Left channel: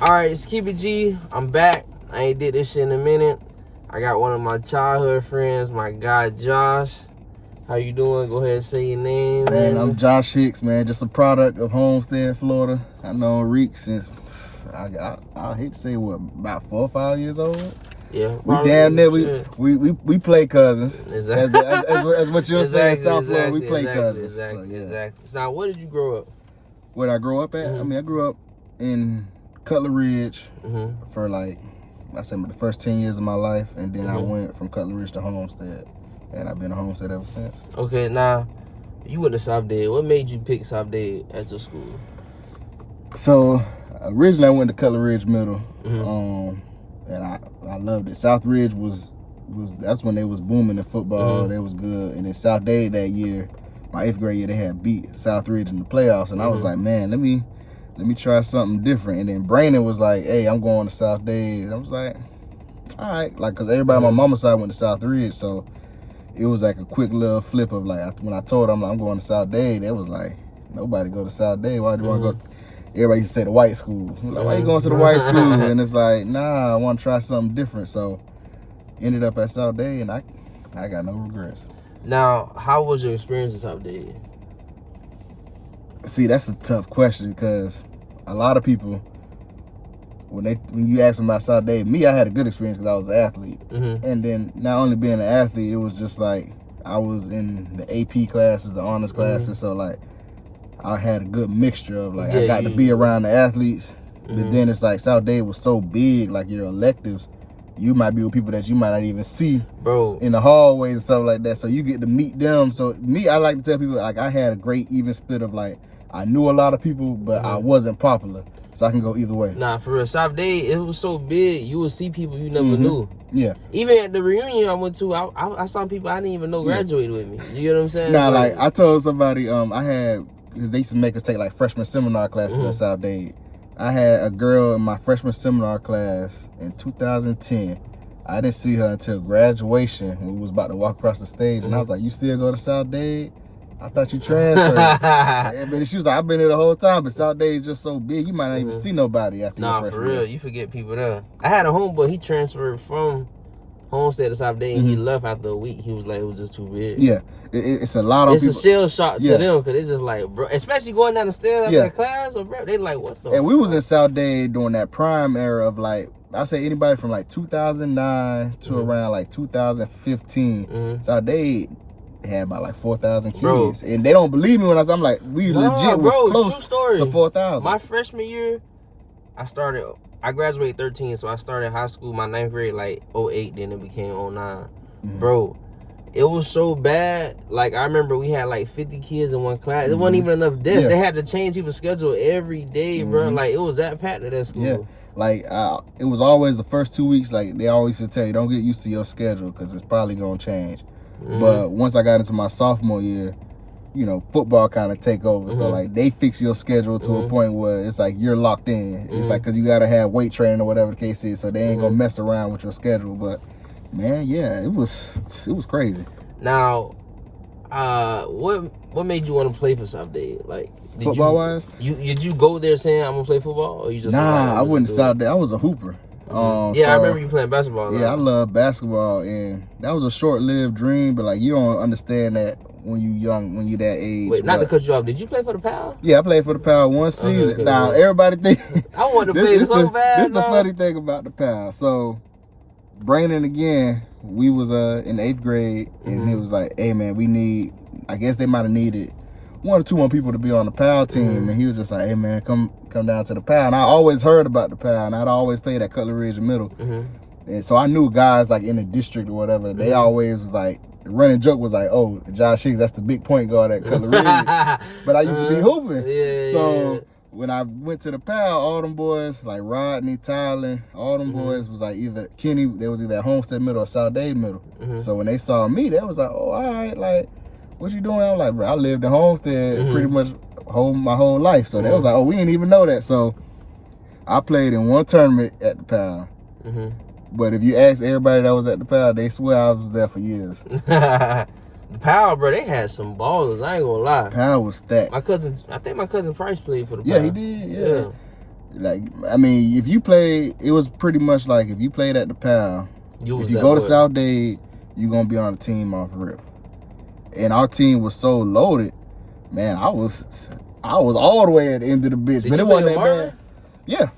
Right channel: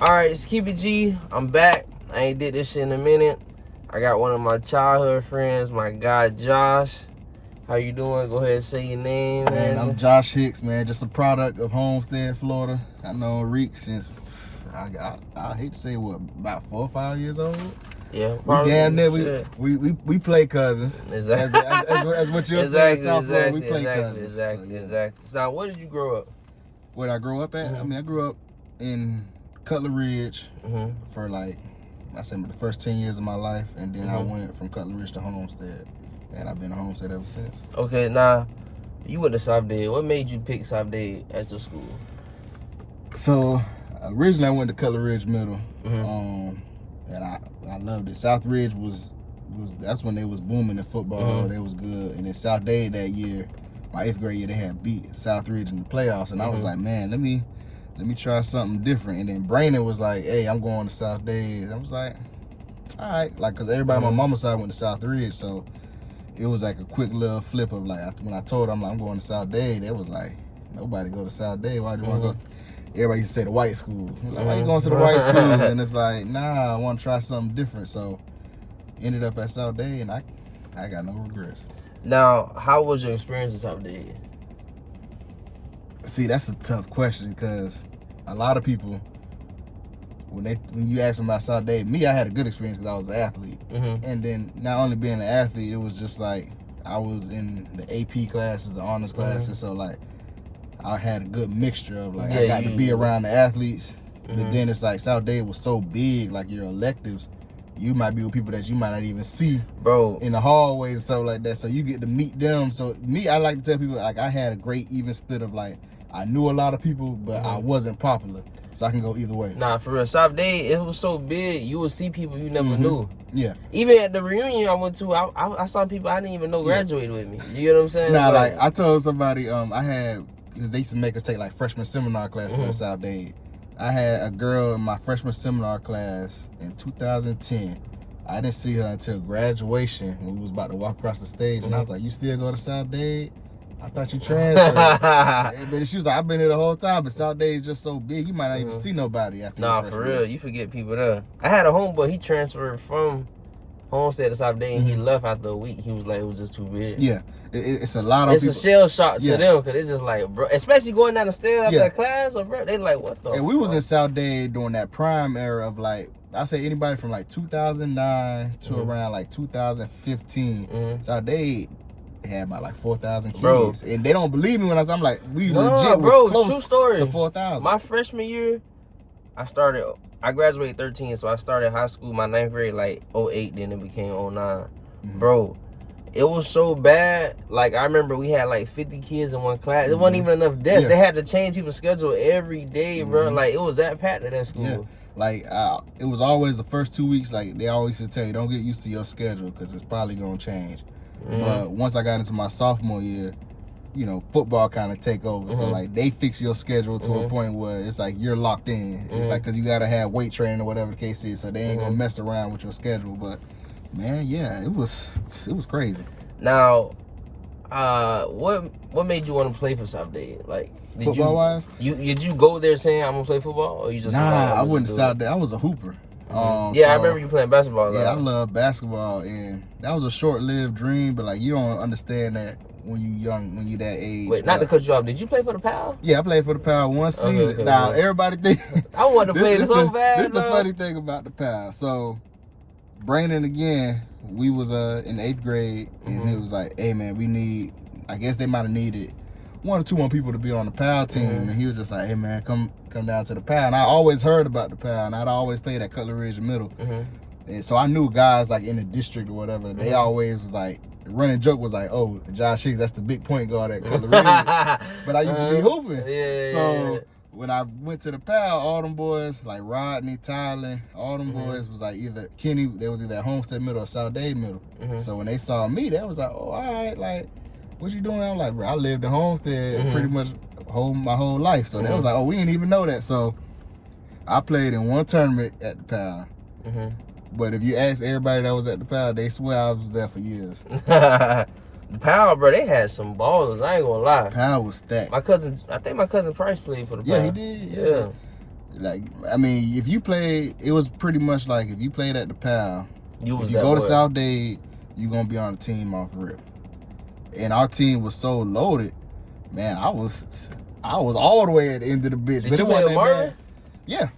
Alright, it's Keep It G. I'm back. I ain't did this shit in a minute. I got one of my childhood friends, my guy Josh. How you doing? Go ahead and say your name, man. I'm Josh Hicks, man. Just a product of Homestead, Florida. I know Reek since, I hate to say what, about 4 or 5 years old? Yeah. We damn near, we play cousins. Exactly. As what you're saying, South Florida, we play cousins. Exactly, so, yeah. exactly. Now, where did you grow up? Where did I grow up at? I mean, I grew up in Cutler Ridge for like, I said the first 10 years of my life, and then I went from Cutler Ridge to Homestead, and I've been a Homestead ever since. Okay, now, you went to South Dade. What made you pick South Dade as your school? So, originally I went to Cutler Ridge Middle, and I loved it. South Ridge was that's when they was booming in football. They was good, and then South Dade that year, my 8th grade year, they had beat South Ridge in the playoffs, and I was like, man, let me try something different. And then Brandon was like, hey, I'm going to South Dade. And I was like, all right, like, because everybody on my mama's side went to South Ridge, so it was like a quick little flip of like, when I told them I'm going to South Dade, it was like, nobody go to South Dade. Why do you want to go? Everybody used to say the white school. Like, why you going to the white school? And it's like, nah, I want to try something different. So ended up at South Dade, and I got no regrets. Now, how was your experience in South Dade? See, that's a tough question, because a lot of people, when you ask them about South Dade, I had a good experience because I was an athlete. And then not only being an athlete, it was just like I was in the AP classes, the honors classes, so like I had a good mixture of like, I got to be around the athletes, but then it's like South Dade was so big, like your electives, you might be with people that you might not even see, bro, in the hallways and stuff like that. So you get to meet them. So I like to tell people, like, I had a great even split of like, I knew a lot of people, but I wasn't popular. So I can go either way. Nah, for real. South Dade, it was so big, you would see people you never knew. Yeah. Even at the reunion I went to, I saw people I didn't even know graduated with me. You get what I'm saying? Nah, like I told somebody, because they used to make us take like freshman seminar classes at South Dade. I had a girl in my freshman seminar class in 2010. I didn't see her until graduation when we was about to walk across the stage. And I was like, you still go to South Dade? I thought you transferred. And she was like, I've been here the whole time, but South Dade is just so big, you might not even see nobody after your freshman for real, you forget people there. I had a homeboy, he transferred from Homestead to South Dade, and he left after a week. He was like, it was just too big. Yeah, it's a lot of people. It's a shell shock to them, because it's just like, bro, especially going down the stairs after the class, or bro, they like, what the And we was in South Dade during that prime era of like, I say anybody from like 2009 to around like 2015. South Dade had about like 4,000 kids. And they don't believe me when I'm like, we legit was close true story. to 4,000. My freshman year, I graduated 13, so I started high school, my 9th grade, like 08, then it became 09. Bro, it was so bad. Like, I remember we had like 50 kids in one class. It wasn't even enough desks. They had to change people's schedule every day, bro. Like, it was that packed at that school. Yeah. Like, it was always the first 2 weeks, like, they always used to tell you, don't get used to your schedule, because it's probably going to change. But once I got into my sophomore year, you know, football kind of take over. So, like, they fix your schedule to a point where it's like you're locked in. It's like, because you got to have weight training or whatever the case is, so they ain't going to mess around with your schedule. But, man, yeah, it was crazy. Now, what made you want to play for South Dade? Like, football-wise? Did you go there saying, I'm going to play football? Or you just I wouldn't South Dade. I was a hooper. I remember you playing basketball. Yeah, I love basketball, and that was a short-lived dream, but like, you don't understand that when you young, when you that age. Wait, not to cut you off, did you play for the PAL? Yeah, I played for the PAL one season. Okay, now, everybody think I wanted to play so bad. This is the funny thing about the PAL. So, Brandon, again, we was in the 8th grade, and it was like, hey man, we need, I guess they might have needed 1 or 2 more people to be on the PAL team, and he was just like, hey man, come down to the PAL. And I always heard about the PAL, and I'd always played at Cutler Ridge Middle. And so I knew guys like in the district or whatever, they always was like, the running joke was like, oh, Josh Hicks, that's the big point guard at Cutler Ridge. But I used to be hooping. So when I went to the PAL, all them boys, like Rodney, Tyler, all them boys was like either Kenny, they was either at Homestead Middle or South Dade Middle. So when they saw me, they was like, oh, all right, like, what you doing? I'm like, bro, I lived in Homestead pretty much my whole life. So they was like, oh, we didn't even know that. So I played in 1 tournament at the PAL. But if you ask everybody that was at the PAL, they swear I was there for years. The PAL, bro, they had some ballers. I ain't gonna lie. PAL was stacked. I think my cousin Price played for the PAL. Yeah, he did. Yeah. Like, I mean, if you played, it was pretty much like if you played at the PAL, if you go to South Dade, you're going to be on the team off rip. And our team was so loaded, man, I was all the way at the end of the bitch. Did but you play with Marvin? Yeah.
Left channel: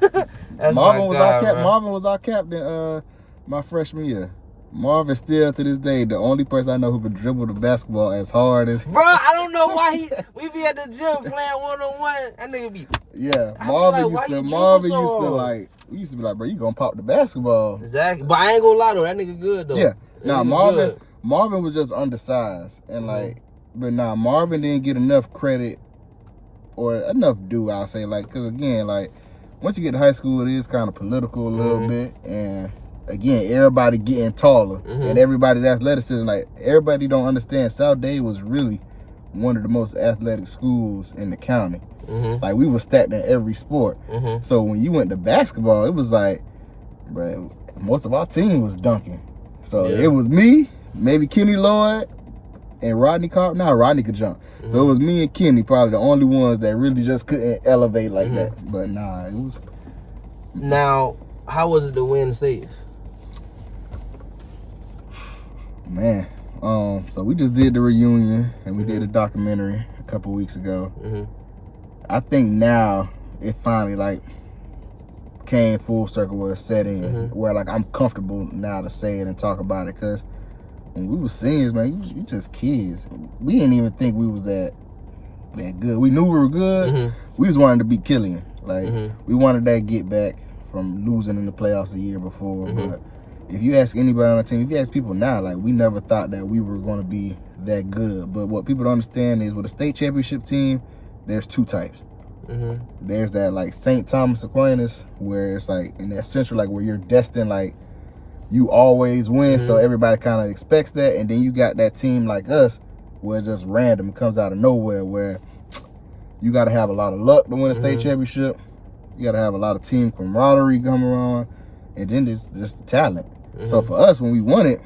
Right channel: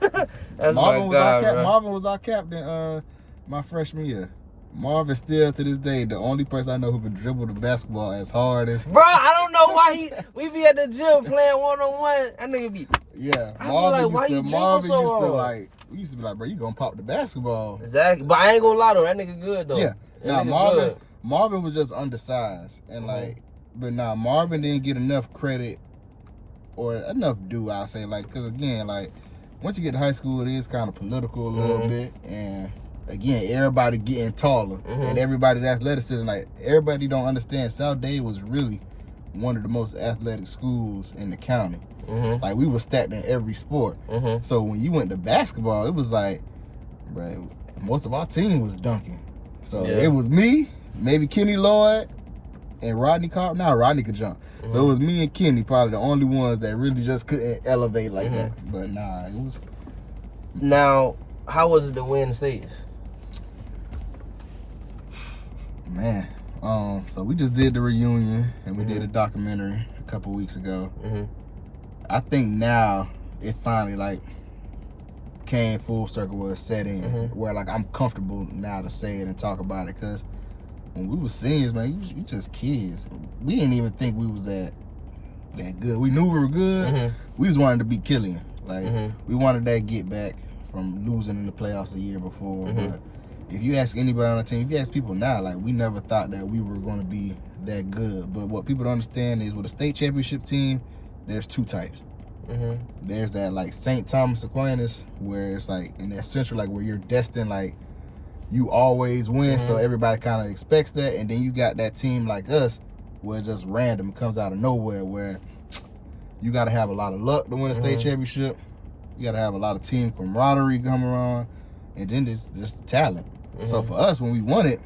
That's Marvin my guy, bro. Marvin was our captain my freshman year. Marvin still to this day the only person I know who could dribble the basketball as hard as. Bro, I don't know why we be at the gym playing 1-on-1. That nigga be. Yeah, Marvin used to we used to be like, bro, you gonna pop the basketball. Exactly, but I ain't gonna lie though, that nigga good though. Yeah, Marvin was just undersized and like, but Marvin didn't get enough credit or enough due. I'll say like, cause again like, once you get to high school, it is kind of political a little bit and. Again, everybody getting taller and everybody's athleticism. Like, everybody don't understand. South Dade was really one of the most athletic schools in the county. Like, we were stacked in every sport. So when you went to basketball, it was like, bro, most of our team was dunking. So it was me, maybe Kenny Lloyd, and Rodney Carp. Now Rodney could jump. So it was me and Kenny, probably the only ones that really just couldn't elevate like that. But nah, it was. Now, how was it to win states? Man, so we just did the reunion and we did a documentary a couple weeks ago. I think now it finally like came full circle where it's set in, where like I'm comfortable now to say it and talk about it. Cause when we were seniors, man, we just kids. We didn't even think we was that good. We knew we were good. We just wanted to be Killian. Like we wanted that get back from losing in the playoffs the year before. But if you ask anybody on the team, if you ask people now, like we never thought that we were going to be that good. But what people don't understand is with a state championship team, there's two types. There's that like St. Thomas Aquinas, where it's like in that central, like where you're destined, like you always win, so everybody kind of expects that. And then you got that team like us, where it's just random, it comes out of nowhere, where you got to have a lot of luck to win a state championship. You got to have a lot of team camaraderie come around, and then just the talent. So for us, when we won it,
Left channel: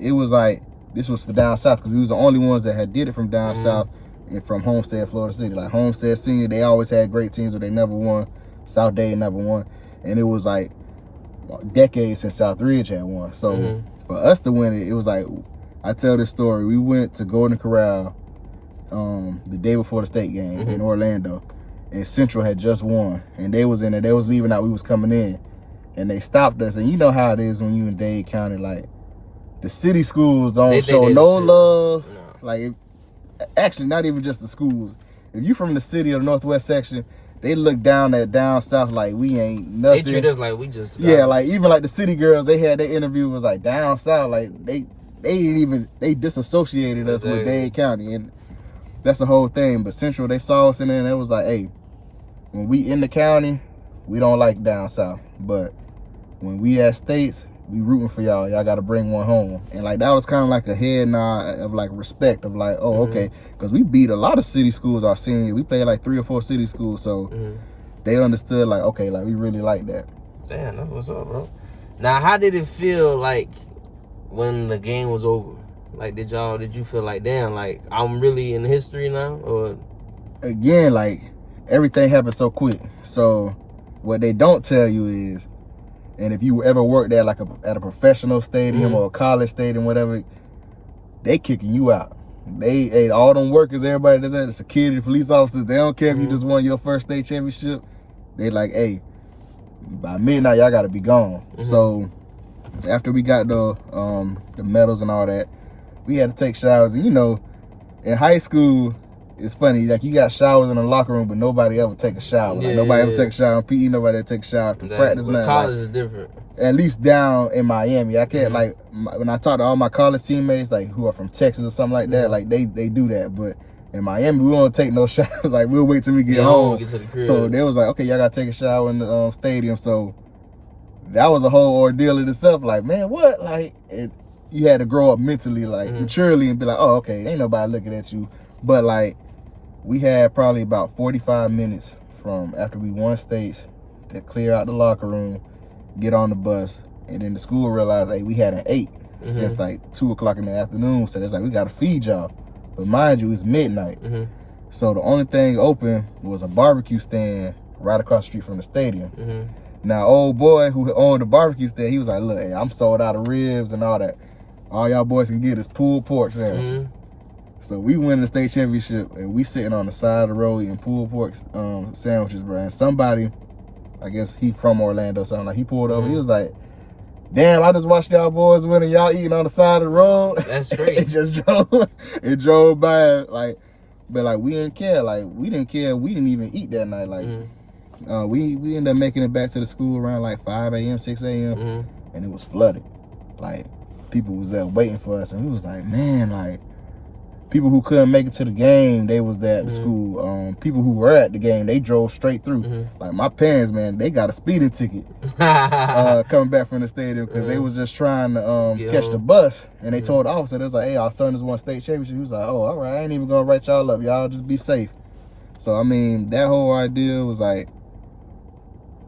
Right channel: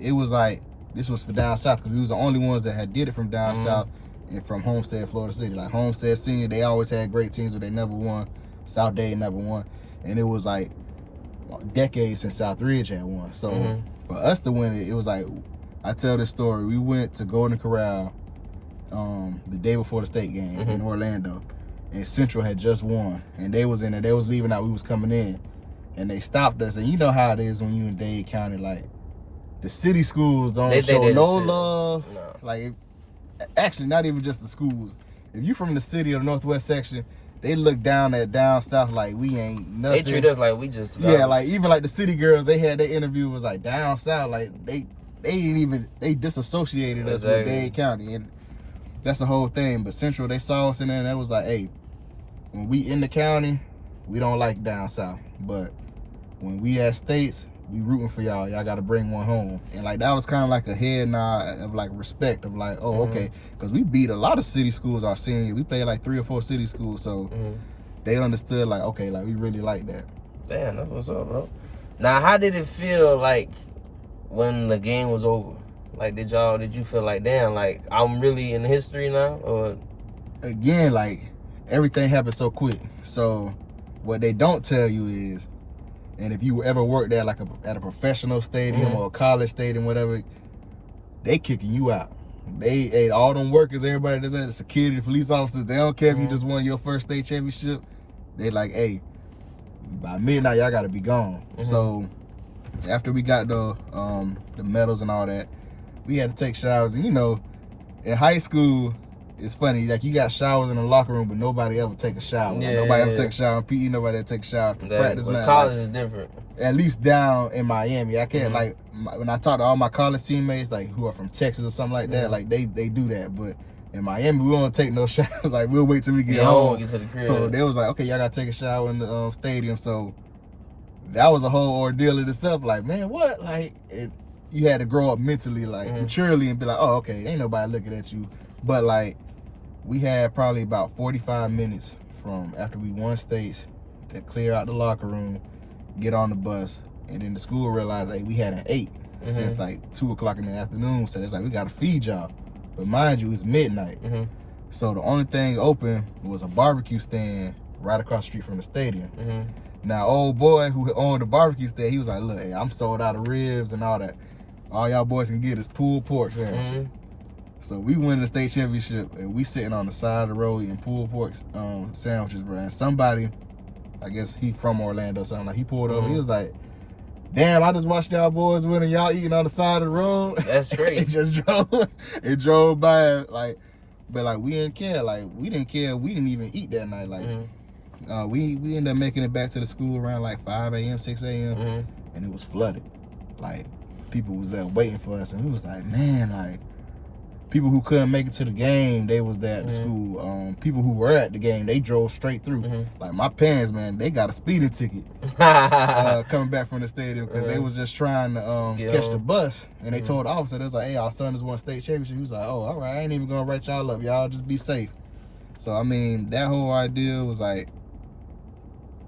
it was like, this was for down south, because we was the only ones that had did it from down south and from Homestead, Florida City. Like Homestead Senior, they always had great teams, but they never won. South Dade never won. And it was like decades since South Ridge had won. So for us to win it, it was like, I tell this story. We went to Golden Corral the day before the state game in Orlando. And Central had just won. And they was in there. They was leaving out. We was coming in. And they stopped us. And you know how it is when you in Dade County. Like, the city schools don't show no love. No. Like, actually, not even just the schools. If you from the city or the Northwest section, they look down at down south like we ain't nothing. They treat us like we just. Yeah, like even like the city girls, they had their interview was like down south. Like they ain't even, they disassociated us with Dade County. And that's the whole thing. But Central, they saw us in there and it was like, hey, when we in the county, we don't like down south. But when we at states, we rooting for y'all. Y'all got to bring one home. And like that was kind of like a head nod of like respect of like, oh, okay. Because we beat a lot of city schools our senior year. We played like 3 or 4 city schools. So they understood like, okay, like we really like that. Damn, that's what's up, bro. Now, how did it feel like when the game was over? Like, did you feel like, damn, like I'm really in history now? Or again, like everything happened so quick. So what they don't tell you is, and if you ever worked at like at a professional stadium or a college stadium, whatever, they kicking you out. They all them workers, everybody that's at the security, police officers, they don't care if you just won your first state championship. They like, hey, by midnight y'all gotta be gone. So after we got the medals and all that, we had to take showers. And you know, in high school, it's funny, like you got showers in the locker room, but nobody ever take a shower. Like, nobody ever take a shower in PE, nobody ever take a shower after practice. But college is different. At least down in Miami. I can't like, when I talk to all my college teammates, like who are from Texas or something like that, like they do that. But in Miami, we won't take no showers. Like we'll wait till we get home. Get to the crib. So they was like, okay, y'all gotta take a shower in the stadium. So that was a whole ordeal in itself. Like, man, what? Like, you had to grow up mentally, like maturely, and be like, oh, okay, ain't nobody looking at you. But like, we had probably about 45 minutes from after we won states to clear out the locker room, get on the bus, and then the school realized, hey, we had an 8 since like 2 o'clock in the afternoon. So it's like, we gotta feed y'all. But mind you, it's midnight. So the only thing open was a barbecue stand right across the street from the stadium. Now, old boy who owned the barbecue stand, he was like, look, hey, I'm sold out of ribs and all that. All y'all boys can get is pulled pork sandwiches. So we win the state championship, and we sitting on the side of the road eating pulled pork sandwiches, bro. And somebody, I guess he from Orlando, something like, he pulled over. He was like, damn, I just watched y'all boys win and y'all eating on the side of the road. That's great. it drove by, like, but like we didn't care. Like we didn't care. We didn't even eat that night. Like we ended up making it back to the school around like 5 a.m., 6 a.m. And it was flooded. Like people was there waiting for us, and we was like, man, like people who couldn't make it to the game, they was there at the school. People who were at the game, they drove straight through. Like my parents, man, they got a speeding ticket coming back from the stadium because they was just trying to catch the bus. And they told the officer, they was like, hey, our son just won state championship. He was like, oh, all right, I ain't even gonna write y'all up. Y'all just be safe. So, I mean, that whole idea was like,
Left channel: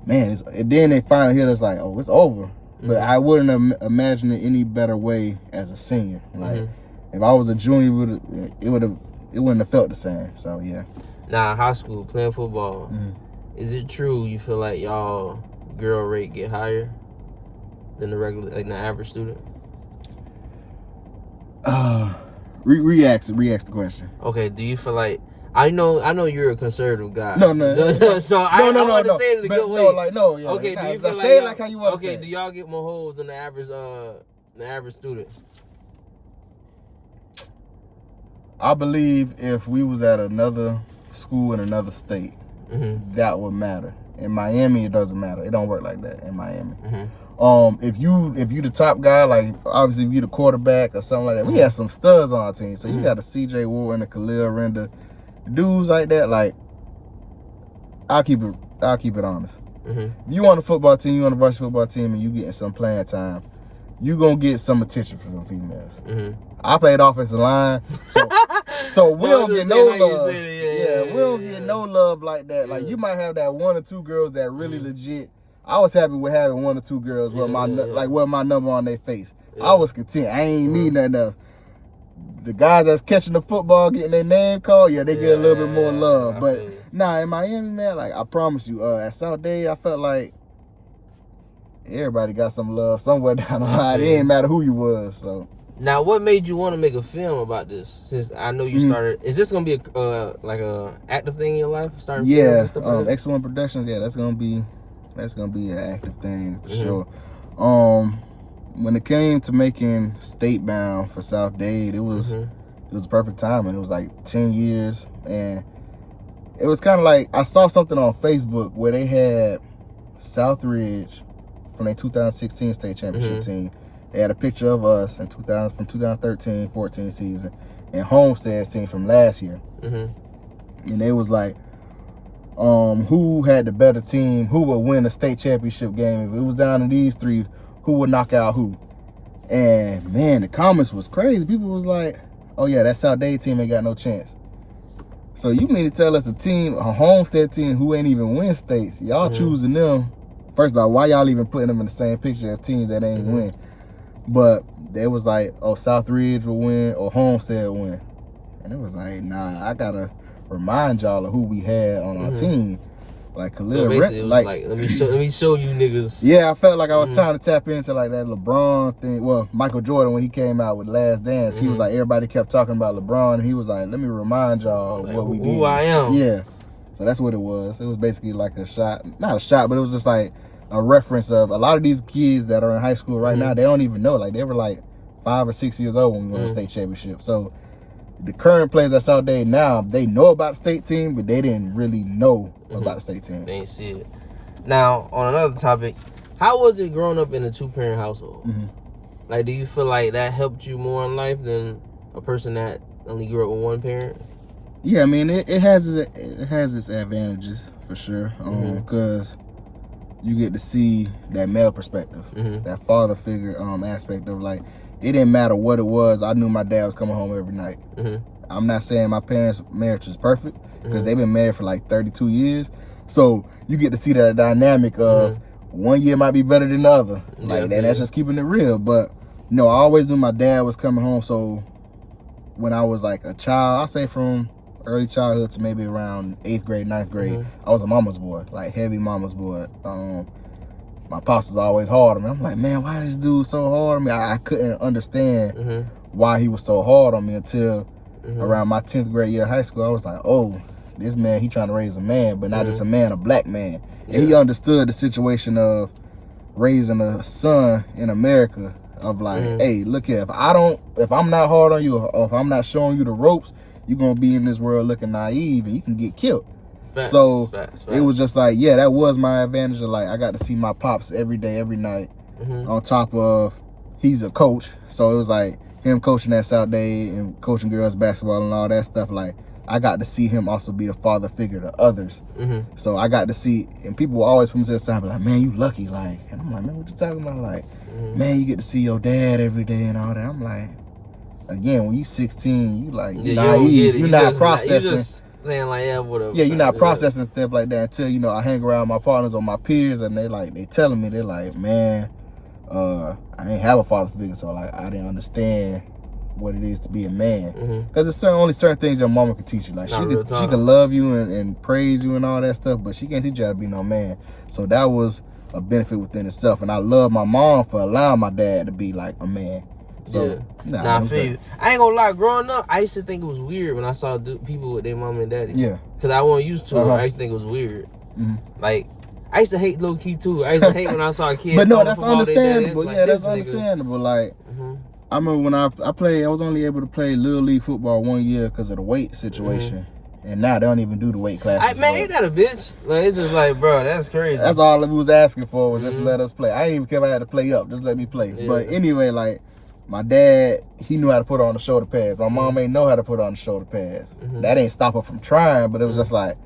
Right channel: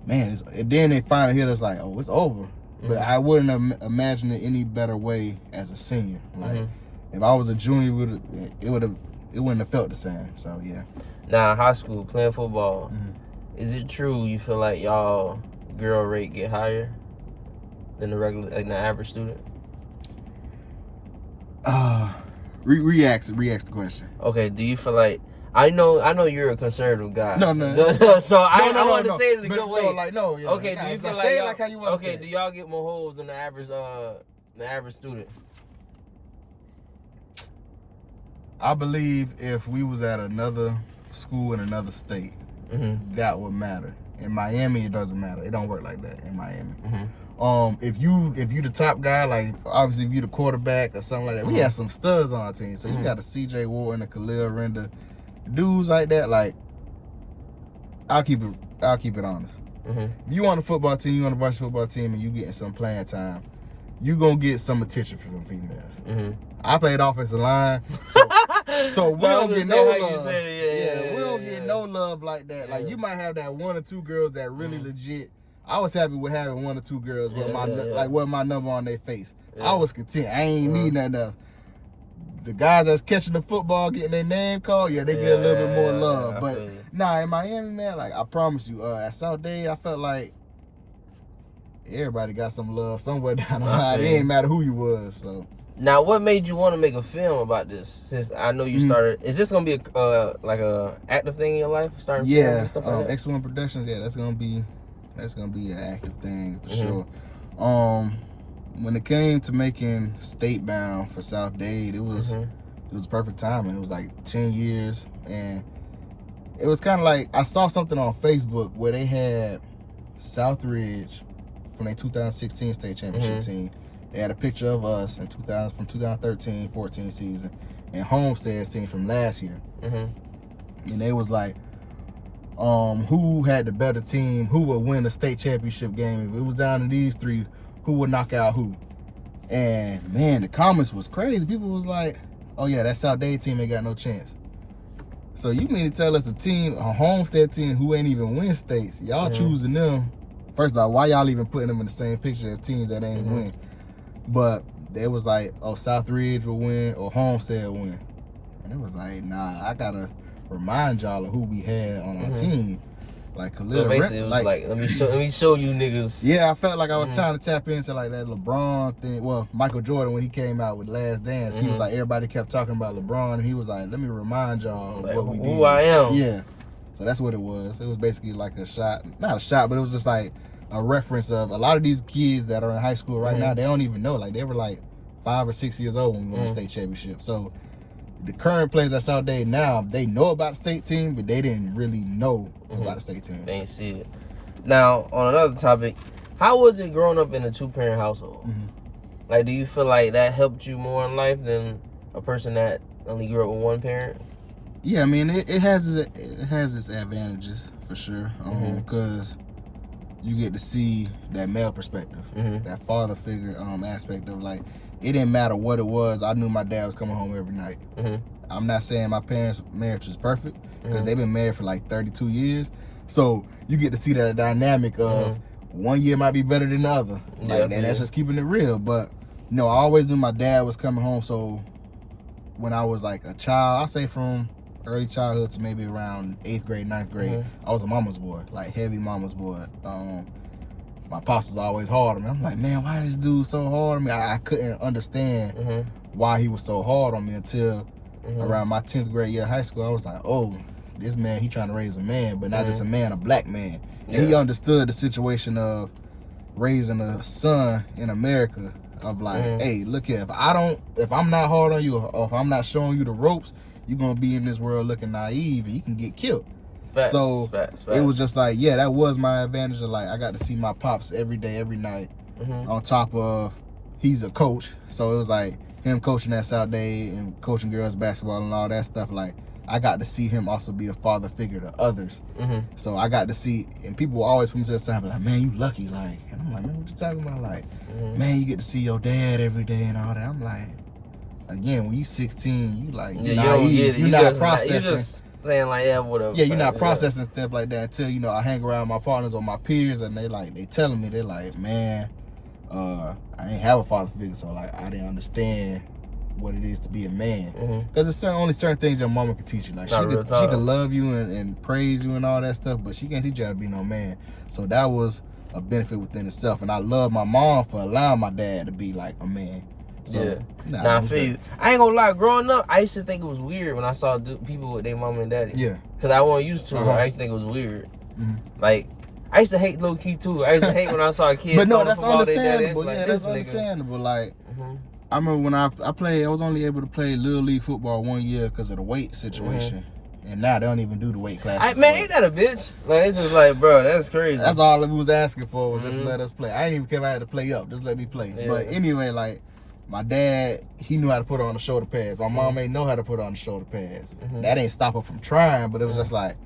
man, and then they finally hit us like, oh, it's over. But I wouldn't have imagined it any better way as a senior. Like, if I was a junior, it wouldn't have felt the same. So yeah. Now in high school, playing football, is it true you feel like y'all girl rate get higher than the regular, like the average student? Re-ask the question. Okay. Do you feel like I know you're a conservative guy. No. So I want to say it in a good way. Yeah. Okay. Do you feel like say it like how you want to say it? Do y'all get more hoes than the average student? I believe if we was at another school in another state, that would matter. In Miami, it doesn't matter. It don't work like that in Miami. If you the top guy, like obviously if you the quarterback or something like that, we had some studs on our team. So you got a CJ Wharton, a Khalil Render, dudes like that. Like I'll keep it honest. If you on a football team, you on a varsity football team, and you getting some playing time, you gonna get some attention from some females. I played offensive line, so we don't get no love. We don't get no love like that. Like you might have that one or two girls that really legit. I was happy with having one or two girls with my number on their face. I was content. I ain't need nothing else. The guys that's catching the football, getting their name called, they get a little bit more love. But nah, in Miami, man, like I promise you, at South Day, I felt like everybody got some love somewhere down the line. It ain't matter who you was. So. Now, what made you want to make a film about this? Since I know you started, is this gonna be a active thing in your life? Starting film and stuff like that? Excellent Productions. Yeah, that's gonna be an active thing for sure. When it came to making State Bound for South Dade, it was perfect timing. It was like 10 years, and it was kind of like I saw something on Facebook where they had Southridge from their 2016 state championship team. They had a picture of us from 2013-14 season and Homestead's team from last year. And they was like, who had the better team? Who would win a state championship game? If it was down to these three, who would knock out who? And man, the comments was crazy. People was like, oh yeah, that South Dade team ain't got no chance. So you mean to tell us a Homestead team who ain't even win states, y'all choosing them? First of all, why y'all even putting them in the same picture as teams that ain't win? But they was like, oh, Southridge will win or Homestead will win. And it was like, nah, I gotta remind y'all of who we had on our team. Like Khalil. So basically, it was like let me show you niggas. Yeah, I felt like I was trying to tap into like that LeBron thing. Well, Michael Jordan, when he came out with Last Dance, he was like, everybody kept talking about LeBron, and he was like, let me remind y'all like, what we did. Who I am. Yeah. So that's what it was. It was basically like a shot, not a shot, but it was just like a reference of a lot of these kids that are in high school right now, they don't even know. Like they were like 5 or 6 years old when we won the state championship. So the current players at South Dade now, they know about the state team, but they didn't really know about the state team. They ain't see it. Now, on another topic, how was it growing up in a 2-parent household? Like, do you feel like that helped you more in life than a person that only grew up with one parent? Yeah, I mean, it has its advantages for sure, because you get to see that male perspective, that father figure aspect of like, it didn't matter what it was. I knew my dad was coming home every night. I'm not saying my parents' marriage was perfect because they've been married for like 32 years. So you get to see that dynamic of one year might be better than the other. And that's just keeping it real. But I always knew my dad was coming home. So when I was like a child, I'll say from early childhood to maybe around 8th grade, 9th grade, I was a mama's boy, like heavy mama's boy. My pops was always hard on me. I'm like, man, why this dude so hard on me? I couldn't understand why he was so hard on me until around my 10th grade year of high school. I was like, oh, this man, he trying to raise a man, but not just a man, a black man. And he understood the situation of raising a son in America of like, hey, look here, if I'm not hard on you, or if I'm not showing you the ropes, you're gonna be in this world looking naive and you can get killed. Facts. It was just like, yeah, that was my advantage of like, I got to see my pops every day, every night, on top of, he's a coach. So it was like him coaching at South Day and coaching girls basketball and all that stuff. Like, I got to see him also be a father figure to others. So I got to see, and people always put me to the side, like, man, you lucky, like, and I'm like, man, what you talking about? Like, man, you get to see your dad every day and all that. I'm like, again, when you 16, you like, you're naive, you're not processing. Saying like, yeah, whatever. Yeah, you're not processing stuff like that until, you know, I hang around my partners or my peers and they telling me, they're like, man, I ain't have a father figure, so like I didn't understand what it is to be a man. Because there's only certain things your mama can teach you. Like she can love you and praise you and all that stuff, but she can't teach you how to be no man. So that was a benefit within itself. And I love my mom for allowing my dad to be like a man. So, I feel you. I ain't gonna lie, growing up, I used to think it was weird when I saw people with their mom and daddy. Yeah. Because I wasn't used to it. I used to think it was weird. Like, I used to hate low key too. I used to hate when I saw a kid. But no, that's understandable. Like, that's understandable. Like, I remember when I played, I was only able to play Little League football 1 year because of the weight situation. And now they don't even do the weight classes. Man, ain't that a bitch? Like, it's just like, bro, that's crazy. That's all we was asking for was just let us play. I didn't even care if I had to play up. Just let me play. But anyway, like, my dad, he knew how to put on the shoulder pads. My mom ain't know how to put on the shoulder pads. That ain't stop her from trying, but it was just like,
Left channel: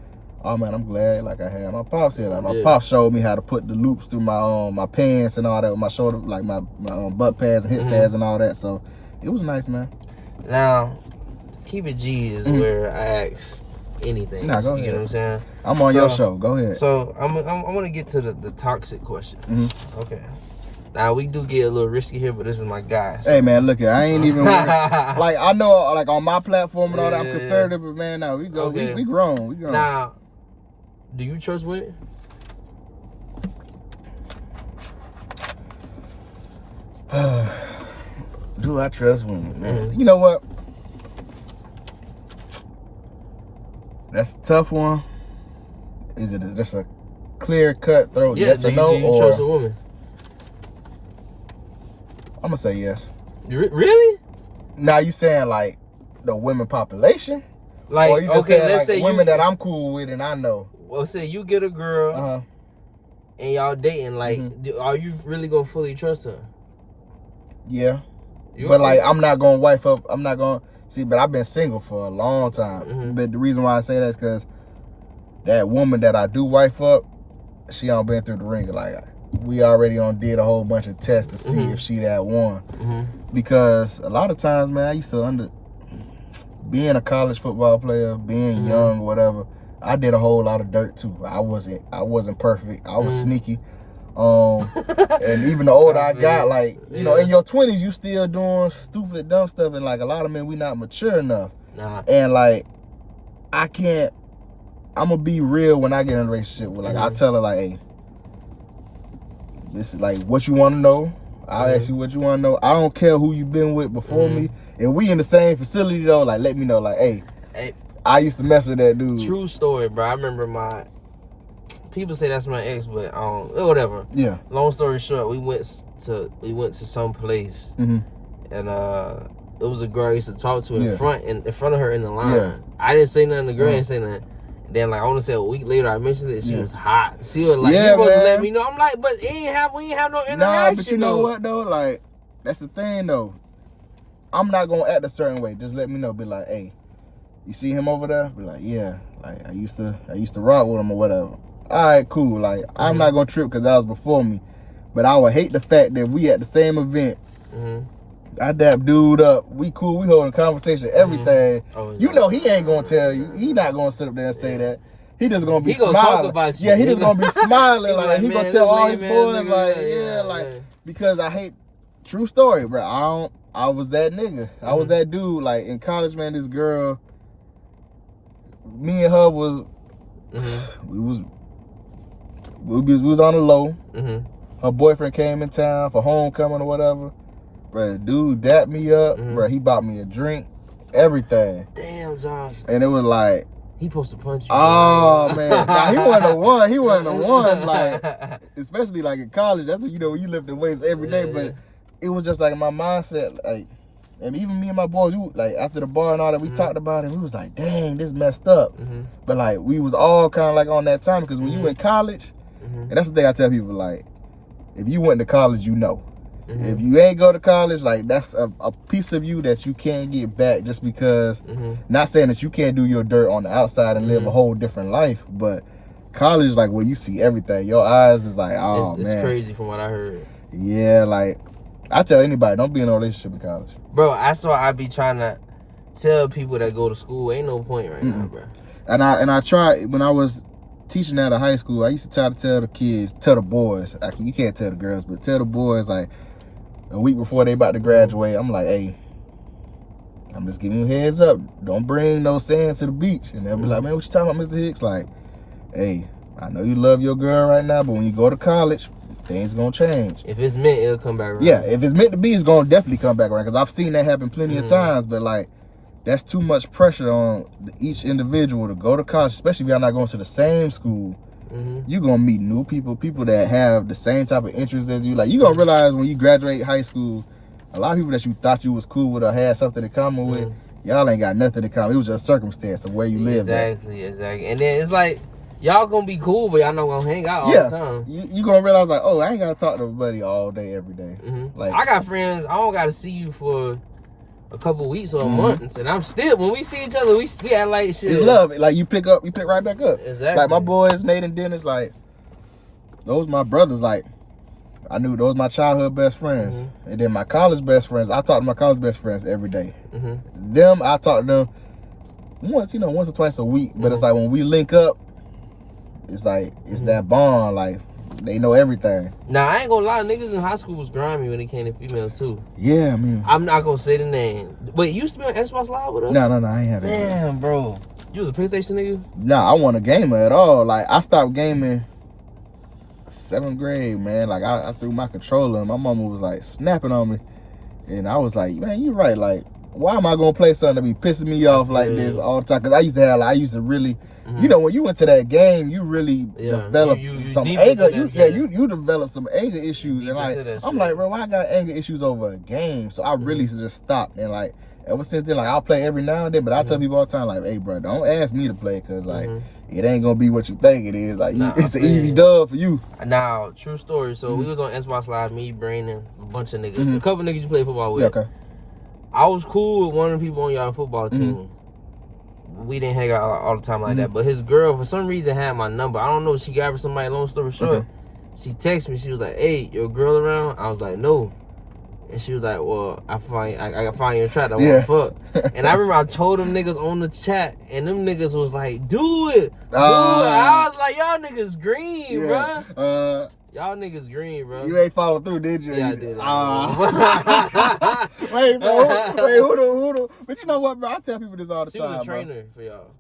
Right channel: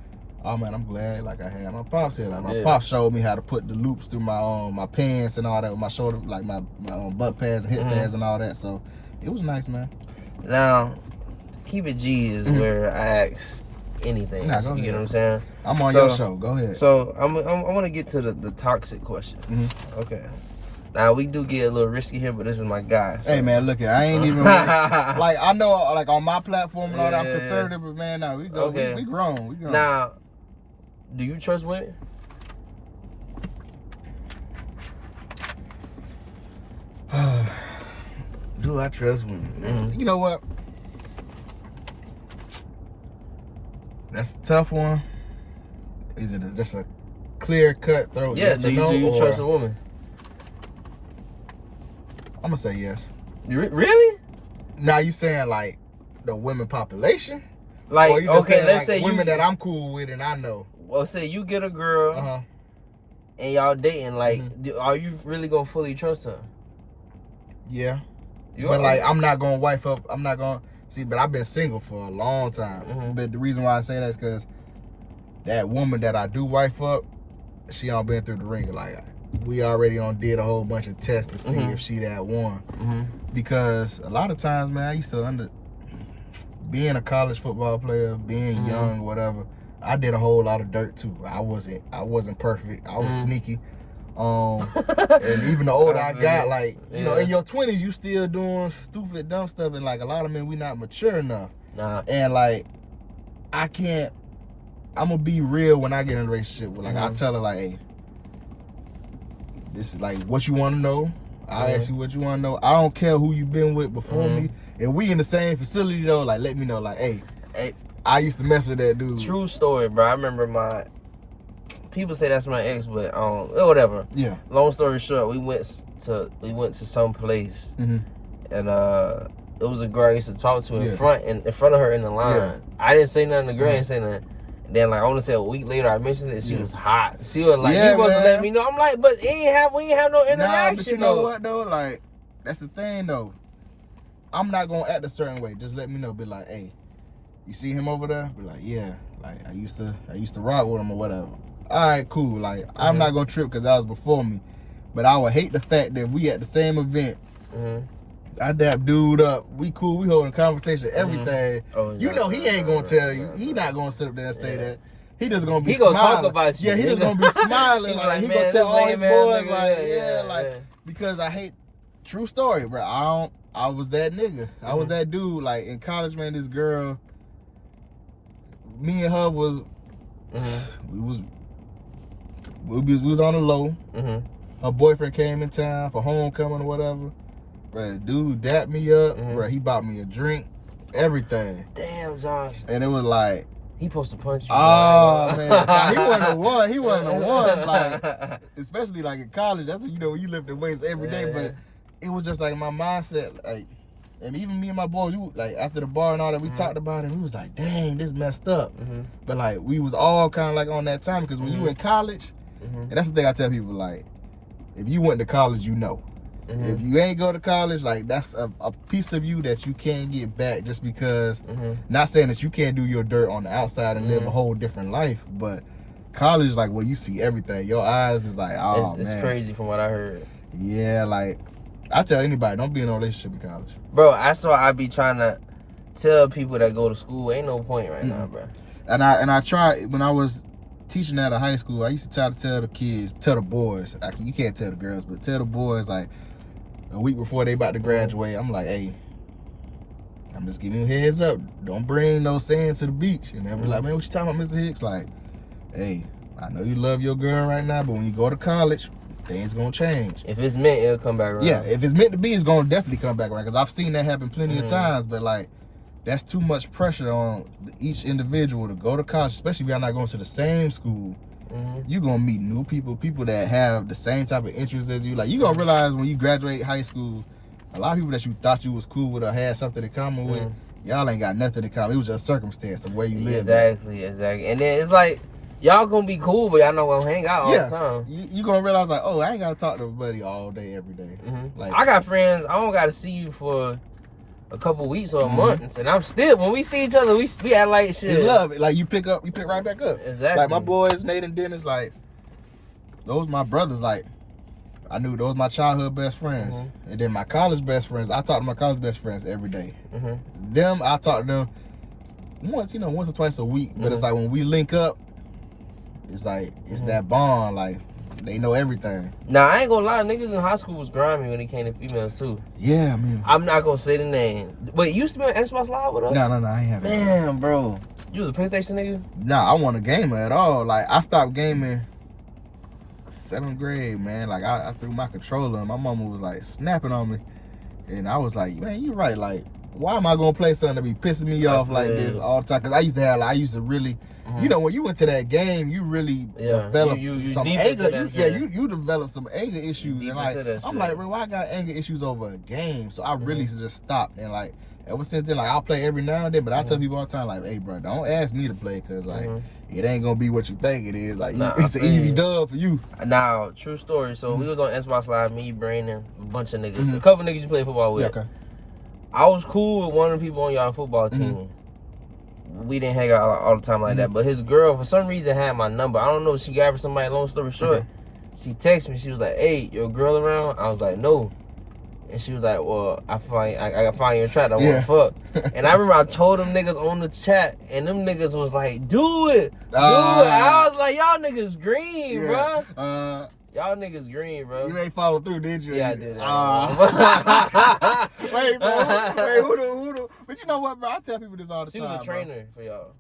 oh man, I'm glad like I had my pops here. Like my pops showed me how to put the loops through my pants and all that with my shoulder, like my butt pads and hip pads and all that. So it was nice, man. Now, keep it G is where I ask anything. Nah, go ahead. You get what I'm saying? I'm on your show. Go ahead. So I want to get to the toxic question. Okay. Now, we do get a little risky here, but this is my guy. So. Hey, man, look here. I ain't even... like, I know, like, on my platform and all that, I'm conservative, but, man, no, we grown. We grown. Now, do you trust women? Do I trust women, man? You know what? That's a tough one. Is it just a clear cut throat yes or no? Do you trust a woman? I'm gonna say yes. Really? Now you saying like the women population? Like, or you just saying, let's say women that I'm cool with and I know. Well, say you get a girl and y'all dating, like, are you really gonna fully trust her? Yeah. But like, I'm not gonna wife up. I'm not gonna see. But I've been single for a long time. But the reason why I say that is because that woman that I do wife up, she all been through the ringer. Like, we already did a whole bunch of tests to see if she that one. Because a lot of times, man, I used to being a college football player, being young, whatever, I did a whole lot of dirt too. I wasn't perfect. I was sneaky. And even the older I got, like, you know, in your 20s, you still doing stupid, dumb stuff. And like a lot of men, we not mature enough. And like, I'm gonna be real when I get in a relationship with, like, I tell her like, hey, this is like what you want to know. I'll ask you what you want to know. I don't care who you been with before me. And we in the same facility though, like, let me know, like, hey, I used to mess with that dude. True story, bro. I remember people say that's my ex, but whatever. Yeah. Long story short, we went to some place, and it was a girl I used to talk to in front of her in the line. Yeah. I didn't say nothing. The girl didn't say nothing. Then, like, I want to say a week later, I mentioned it. She was hot. She was like, "You supposed to let me know." I'm like, "But we ain't have no interaction." Nah, but you know what though? Like, that's the thing though. I'm not gonna act a certain way. Just let me know. Be like, "Hey, you see him over there?" Be like, "Yeah." Like, I used to rock with him or whatever. All right, cool. Like, I'm not gonna trip because that was before me. But I would hate the fact that we at the same event. I dap dude up. We cool. We holding conversation, everything. You know he ain't gonna tell you. He not gonna sit up there and say that. He just gonna be smiling. He gonna talk about you. Yeah, he just gonna be smiling. Like, he gonna tell all his boys, like, because I hate, true story, bro. I was that nigga. I was that dude. Like, in college, man, this girl, me and her was, we was on the low. Her boyfriend came in town for homecoming or whatever. Bro, dude dapped me up. Bro, he bought me a drink, everything. Damn, Josh. And it was like, he supposed to punch you. Oh, man. Nah, he wasn't the one. He wasn't the one. Like, especially like in college. That's when, when you lift the weights every day. But it was just like my mindset, like, and even me and my boys, like after the bar and all that, we talked about it. We was like, dang, this messed up. But like, we was all kind of like on that time because when you in college, and that's the thing I tell people, like, if you went to college, you know. If you ain't go to college, like that's a piece of you that you can't get back just because, not saying that you can't do your dirt on the outside and live a whole different life, but college, like where you see everything, your eyes is like, oh it's man. crazy from what I heard. Yeah, like, I tell anybody, don't be in a relationship in college. Bro, I be trying to tell people that go to school, ain't no point right now, bro. And I tried, when I was teaching at a high school, I used to try to tell the kids, tell the boys, you can't tell the girls, but tell the boys, like, a week before they about to graduate, I'm like, hey, I'm just giving you a heads up. Don't bring no sand to the beach. And they'll be like, man, what you talking about, Mr. Hicks? Like, hey, I know you love your girl right now, but when you go to college, things gonna change. If it's meant, it'll come back around. Yeah, if it's meant to be, it's gonna definitely come back around. Because I've seen that happen plenty of times, but like, that's too much pressure on each individual to go to college, especially if y'all not going to the same school. You're going to meet new people that have the same type of interests as you. Like, you're going to realize when you graduate high school, a lot of people that you thought you was cool with or had something in common with, y'all ain't got nothing in common. It was just circumstance of where you live. Exactly. And then it's like, y'all going to be cool, but y'all not going to hang out all the time. You going to realize, like, oh, I ain't got to talk to everybody all day, every day. Like, I got friends, I don't got to see you for a couple weeks or a month, and I'm still, when we see each other, we act like shit. It's love. Like, you pick right back up. Exactly. Like, my boys, Nate and Dennis, like, those my brothers. Like, I knew those my childhood best friends. And then my college best friends, I talk to my college best friends every day. Them, I talk to them once or twice a week. But it's like, when we link up, it's like, it's that bond, like, they know everything. Now, I ain't gonna lie, niggas in high school was grimy when it came to females, too. Yeah, I mean. I'm not gonna say the name. Wait, you used to be on Xbox Live with us? No, I ain't have it. Man, bro. You was a PlayStation nigga? Nah, I wasn't a gamer at all. Like, I stopped gaming 7th grade, man. Like, I threw my controller and my mama was, like, snapping on me. And I was like, man, you right. Like, why am I gonna play something that be pissing me off like this all the time? Because I used to really, when you went to that game, you really developed some anger. You developed some anger issues. And like, I'm like, bro, why I got anger issues over a game? So I really just stopped. And like, ever since then, like, I'll play every now and then, but I tell people all the time, like, hey, bro, don't ask me to play, because like, it ain't gonna be what you think it is. Like, it's an easy dub for you. Now, true story. So we was on Xbox Live, me, Brandon, a bunch of niggas. A couple niggas you play football with. Yeah, okay. I was cool with one of the people on y'all football team. We didn't hang out all the time like that. But his girl, for some reason, had my number. I don't know if she got it for somebody, long story short. She texted me. She was like, hey, your girl around? I was like, no. And she was like, well, I got find your chat. I want to fuck. And I remember I told them niggas on the chat, and them niggas was like, do it. Do it. I was like, y'all niggas green, bro. Y'all niggas green, bro. You ain't follow through, did you? Yeah, I did. Wait, who the? But you know what, bro? I tell people this all the time. She was a trainer for y'all.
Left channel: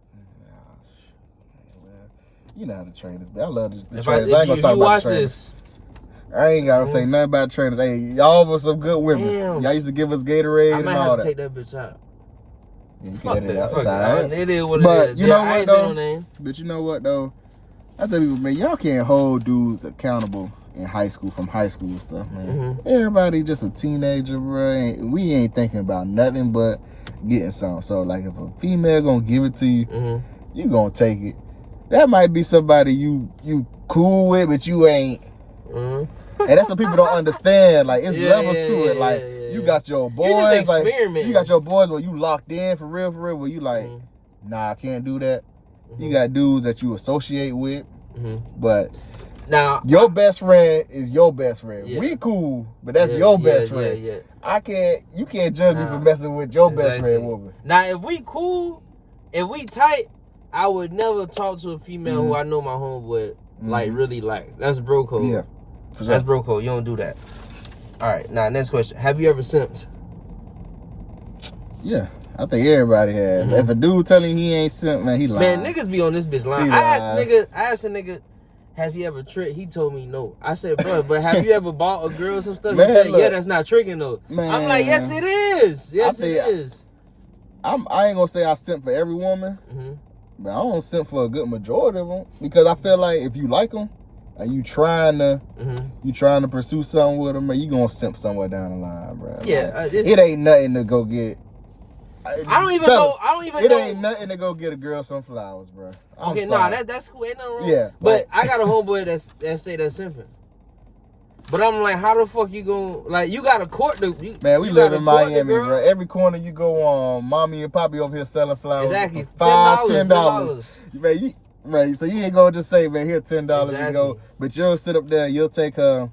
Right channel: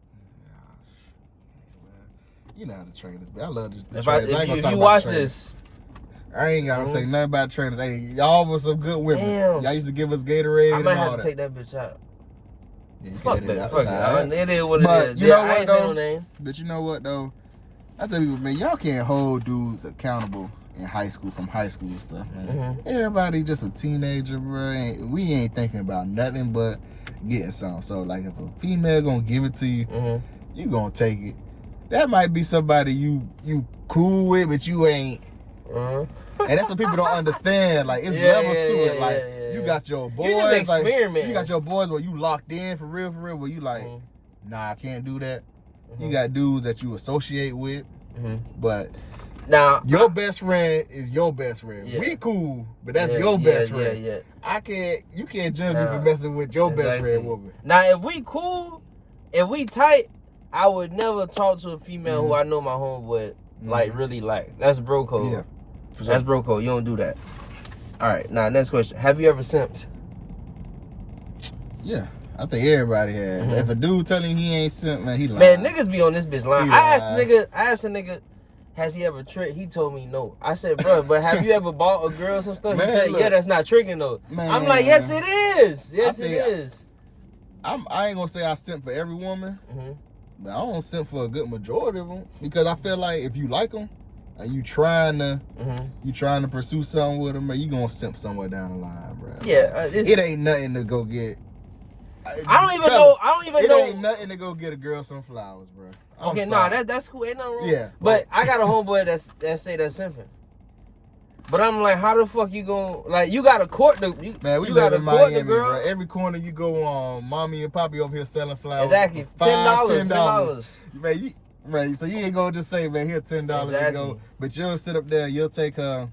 You know how to train this, but I love this. If you watch this, I ain't gotta say nothing about trainers. Hey, y'all was some good women. Damn. Y'all used to give us Gatorade. I might have to take that bitch out. Yeah, fuck that. Fuck it. It is what but it is. You know I ain't saying no name. But you know what though? I tell people, man, y'all can't hold dudes accountable in high school from high school stuff, man. Everybody just a teenager, bro. We ain't thinking about nothing but getting some. So like, if a female gonna give it to you, you gonna take it. That might be somebody you cool with, but you ain't. And that's what people don't understand. Like, it's levels to it. Like, you got your boys. You just like, you got your boys where you locked in for real, where you like, nah, I can't do that. You got dudes that you associate with, but now your best friend is your best friend. We cool, but that's your best friend. You can't judge me for messing with your best friend woman. Now, if we cool, if we tight, I would never talk to a female who I know my homeboy like really like. That's bro code. Yeah, for sure. That's bro code. You don't do that. All right, now next question. Have you ever simped? Yeah, I think everybody has. If a dude telling he ain't simp, man, he lying. Man, niggas be on this bitch line. I asked a nigga, has he ever tricked? He told me no. I said, bro, but have you ever bought a girl some stuff? Man, He said, look, yeah, that's not tricking though. Man, I'm like, yes, it is. Yes, it is. I ain't gonna say I simp for every woman, but I don't simp for a good majority of them because I feel like if you like them and you trying to pursue something with them, man, you gonna simp somewhere down the line, bro. Yeah, like, it ain't nothing to go get. I don't even know. It ain't nothing to go get a girl some flowers, bro. Okay, nah, that's cool. Ain't nothing wrong. Yeah, but I got a homeboy that say that's simping. But I'm like, how the fuck you gonna, like, you gotta court the man, we live in Miami, girl. bro. Every corner you go on, mommy and poppy over here selling flowers. Exactly. $10. Man, right, so you ain't gonna just say, man, here $10, exactly. You know, but you'll sit up there, you'll take her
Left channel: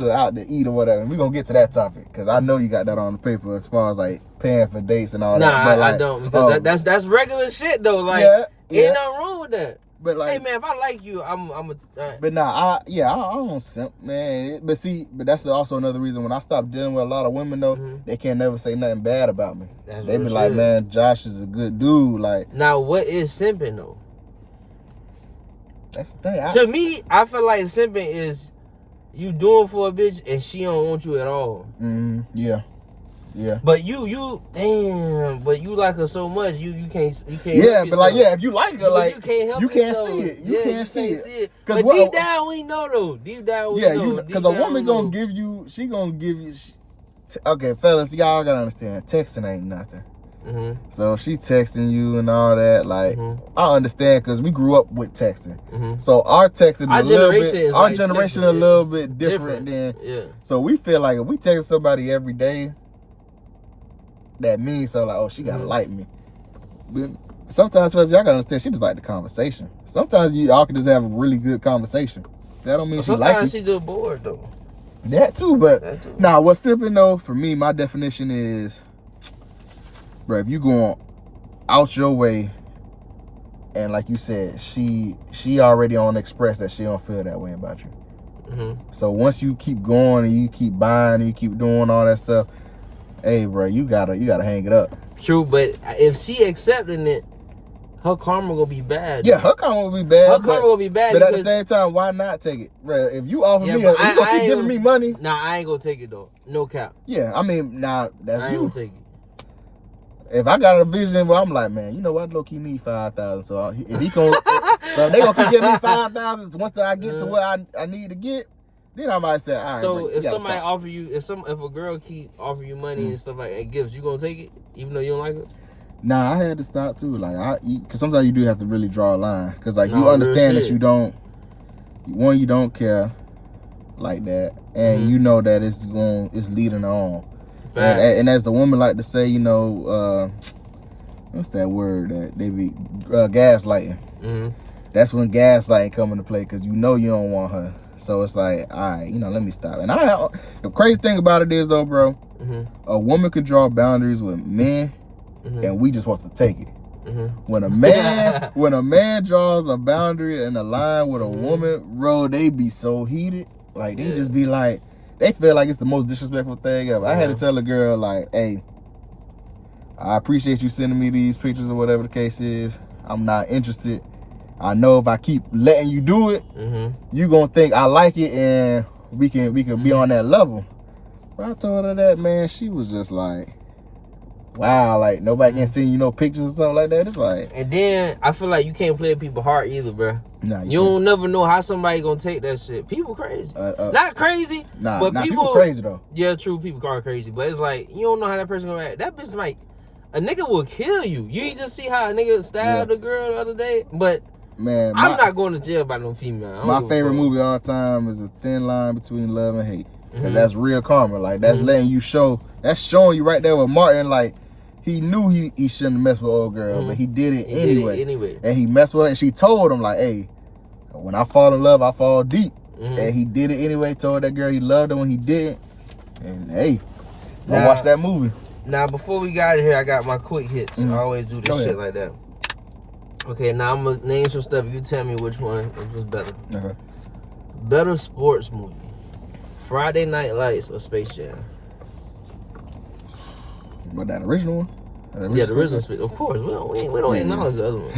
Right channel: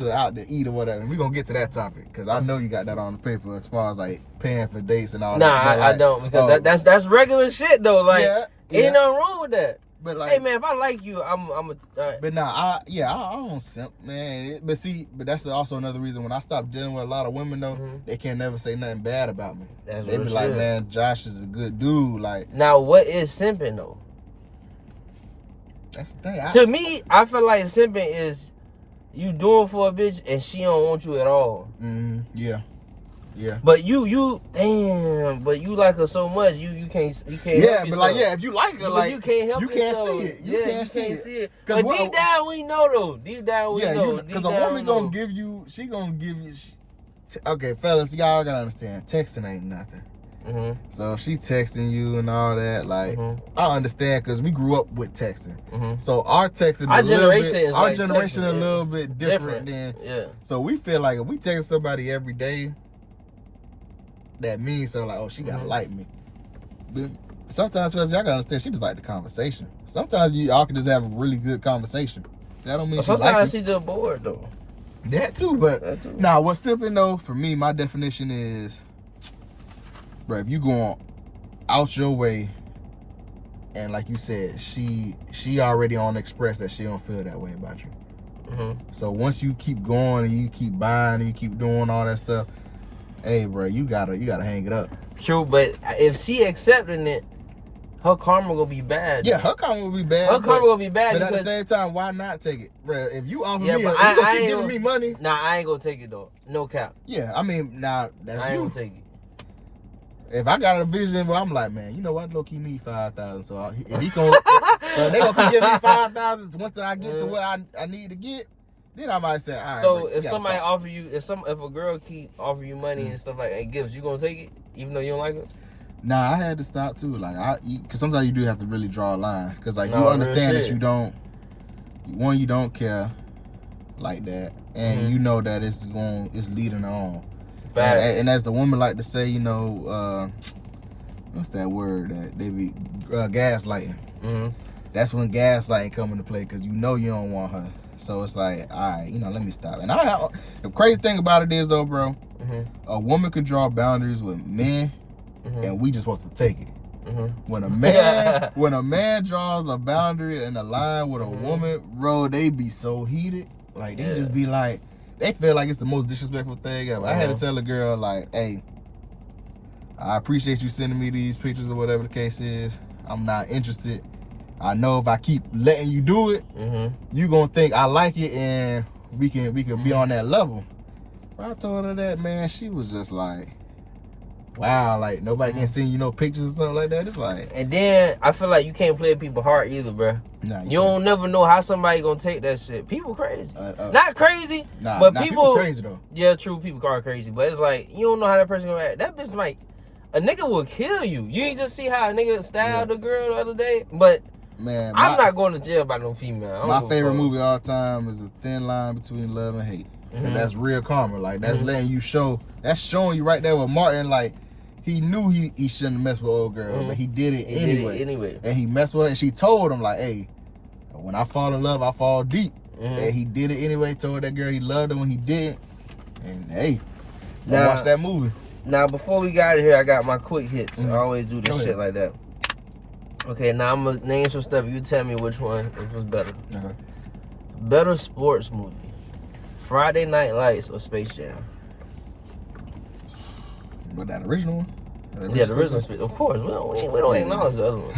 out to eat or whatever. And we're gonna get to that topic, because I know you got that on the paper as far as like paying for dates and all that. Nah, I don't, because that's regular shit though. Like, ain't nothing wrong with that. But like, hey man, if I like you, I'm a. But nah, I don't simp, man. But that's also another reason when I stopped dealing with a lot of women though, they can't never say nothing bad about me. They be like, man, Josh is a good dude. Like, now what is simping though? That's the thing. To me, I feel like simping is you doing for a bitch and she don't want you at all. Yeah. But you like her so much, you can't. Yeah, but like, if you like her, like, you can't help you can't yourself. see it. You can't see it. But deep down we know though. Deep down we know. Because a woman gonna give you. She gonna give you. Okay, fellas, y'all gotta understand. Texting ain't nothing. So if she texting you and all that, like, I understand because we grew up with texting. So our texting, our generation a little bit different than. So we feel like if we text somebody every day, that means so, like, oh, she gotta like me. But sometimes, fellas, y'all gotta understand, she just like the conversation. Sometimes y'all can just have a really good conversation. That don't mean she like you. Sometimes she just bored though. That too, but nah, what's simping though, for me, my definition is, bro, if you going out your way, and like you said, she already on express that she don't feel that way about you. So once you keep going and you keep buying and you keep doing all that stuff, hey, bro, you gotta hang it up. True, but if she accepting it, her karma gonna be bad. Yeah, her karma will be bad. Her karma gonna be bad. But at the same time, why not take it, bro? If you offer me, you gonna keep giving me money. Nah, I ain't gonna take it though. No cap. Yeah, I mean, nah, that's I ain't gonna take it. If I got a vision where I'm like, man, you know what, low key need 5,000. So if he gonna, they gonna keep giving me 5,000. Once I get to where I need to get, then I might say, all right. So if somebody offer you, if a girl keep offering you money and stuff like that, gifts, you gonna take it even though you don't like it? Nah, I had to stop too. Like, because sometimes you do have to really draw a line. Because like, you understand that you don't care like that, and you know that it's leading on. And as the woman like to say, you know, what's that word that they be gaslighting? That's when gaslighting come into play, because you know you don't want her. So it's like, all right, you know, let me stop. And the crazy thing about it is though, bro, a woman can draw boundaries with men, and we just supposed to take it. When a man draws a boundary and a line with a woman, bro, they be so heated. Like, they just be like, they feel like it's the most disrespectful thing ever. I had to tell a girl, like, hey, I appreciate you sending me these pictures or whatever the case is. I'm not interested. I know if I keep letting you do it, you gonna think I like it, and we can be on that level. But I told her that, man, she was just like, wow, like, nobody can send you no pictures or something like that. It's like, and then I feel like you can't play people's heart either, bro. Nah, you don't never know how somebody gonna take that shit. People crazy, not crazy, but people crazy though. Yeah, true, people are crazy, but it's like you don't know how that person gonna act. That bitch might, a nigga will kill you. You ain't just see how a nigga stabbed a girl the other day, but. Man, I'm not going to jail by no female. My favorite movie all time is A Thin Line Between Love and Hate. Cause that's real karma. Like, that's letting you that's showing you right there with Martin, like, he knew he shouldn't mess with old girl, but he did it anyway. And he messed with her, and she told him, like, hey, when I fall in love, I fall deep. And he did it anyway, told that girl he loved her when he didn't. And hey, now watch that movie. Now, before we got here, I got my quick hits. I always do this shit like that. Okay, now I'm gonna name some stuff. You tell me which one was better. Okay. Better sports movie: Friday Night Lights or Space Jam? What, that original one? Yeah, the original Space. Of course, we don't acknowledge the other one.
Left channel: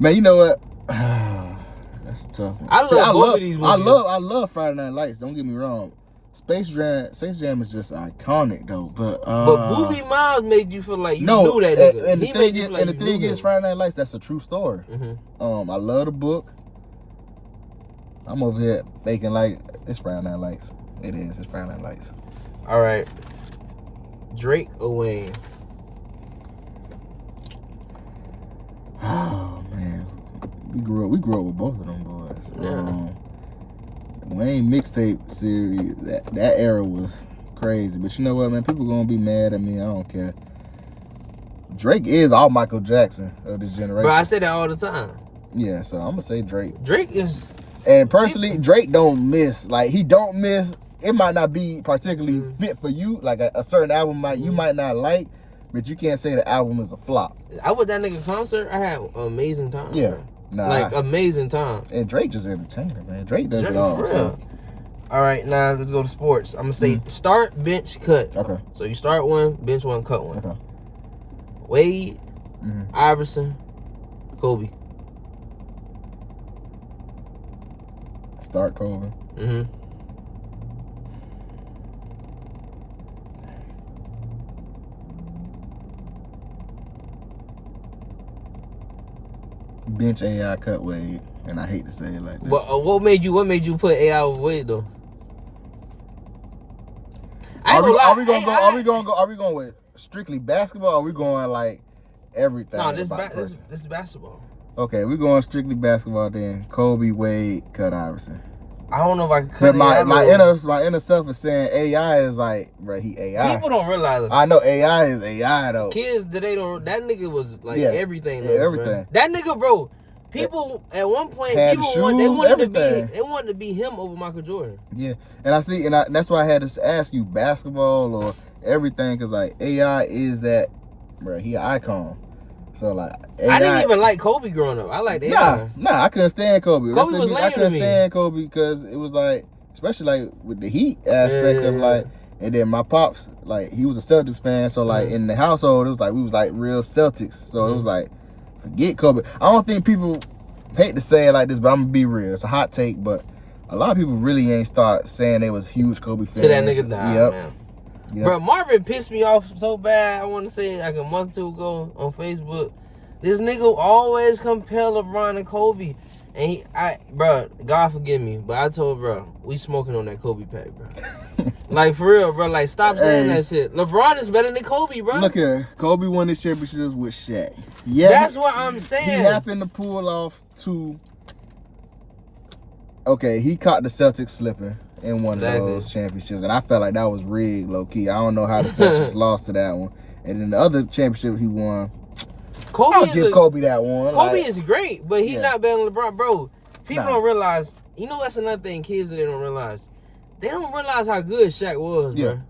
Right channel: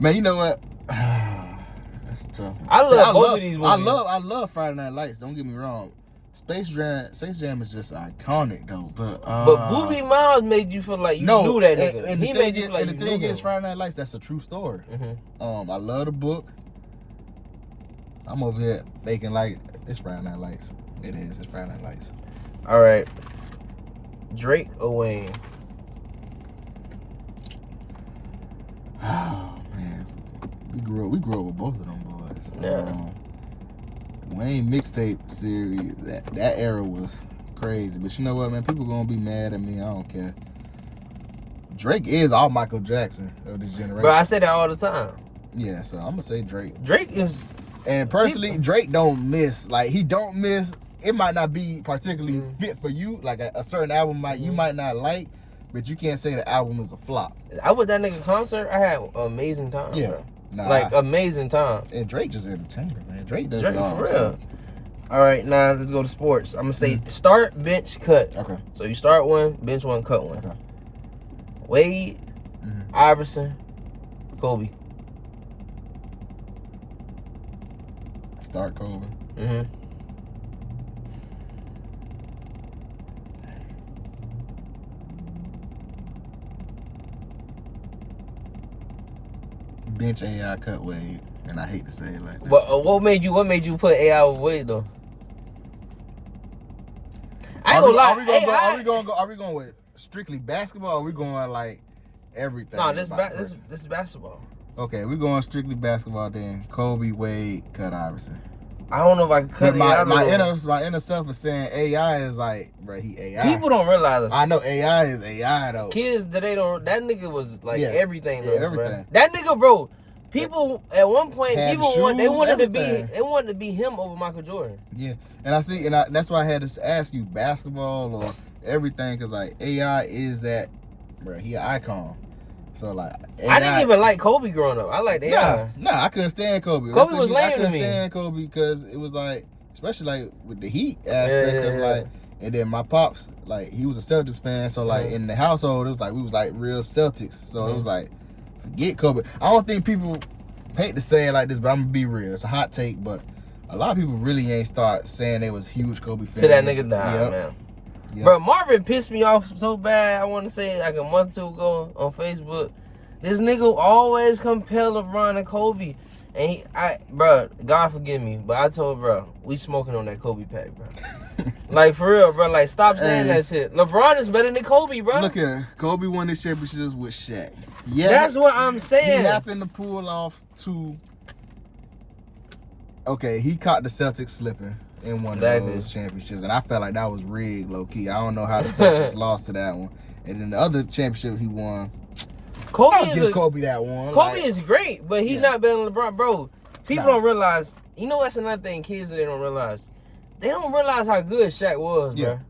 Man, you know what? That's tough. I love both of these movies. I love Friday Night Lights. Don't get me wrong. Space Jam is just iconic though. But Boobie Miles made you feel like you knew that nigga. And he made you feel like you knew him. And the thing is, Friday Night Lights, that's a true story. I love the book. I'm over here faking like it's Friday Night Lights. It is. It's Friday Night Lights. All right. Drake or Wayne? Oh man, we grew up with both of them boys. Yeah. Wayne mixtape series, that era was crazy. But you know what, man? People gonna be mad at me. I don't care. Drake is all Michael Jackson of this generation. Bro, I say that all the time. Yeah, so I'm gonna say Drake. Drake is. And personally, Drake don't miss. Like, he don't miss. It might not be particularly fit for you. Like, a certain album you might not like, but you can't say the album is a flop. I went that nigga concert. I had an amazing time. Yeah. Bro. Nah, amazing time. And Drake just entertaining, man. Drake does it all. For real. All right, now let's go to sports. I'm going to say start, bench, cut. Okay. So you start one, bench one, cut one. Okay. Wade, Iverson, Kobe. Start Kobe. Bench AI, cut Wade, and I hate to say it like that. What made you put AI over Wade though? Are we going with strictly basketball? Or are we going like everything? No, this is basketball. Okay, we're going strictly basketball then. Kobe, Wade, cut Iverson. I don't know if I can cut my inner self is saying AI is like, bro, he AI. People don't realize this. I know AI is AI though. Kids today don't. That nigga was like everything. Yeah, everything. Man. That nigga, bro. People at one point, they wanted to be him over Michael Jordan. Yeah, and that's why I had to ask you basketball or everything, because like AI is that, bro. He an icon. So like, AI, I didn't even like Kobe growing up. I liked AI. Nah, I couldn't stand Kobe. Kobe was lame to me. I couldn't stand Kobe because it was like, especially like with the Heat aspect of like, and then my pops, like, he was a Celtics fan, so like in the household it was like we was like real Celtics. So it was like, forget Kobe. I don't think people hate to say it like this, but I'm gonna be real. It's a hot take, but a lot of people really ain't start saying they was huge Kobe fans. To that nigga died, man. Yep. Bro, Marvin pissed me off so bad. I want to say like a month or two ago on Facebook. This nigga always compare LeBron and Kobe. And bro, God forgive me, but I told bro, we smoking on that Kobe pack, bro. Like, for real, bro. Like, stop saying that shit. LeBron is better than Kobe, bro. Look here. Kobe won the championships with Shaq. Yeah, that's what I'm saying. He happened to pull off two. Okay, he caught the Celtics slipping in one of those championships, and I felt like that was rigged, low key. I don't know how the Celtics lost to that one. And then the other championship he won, I'll give Kobe that one. Kobe is great, but he's not better than LeBron, bro. People don't realize. You know, that's another thing kids that they don't realize. They don't realize how good Shaq was, bro.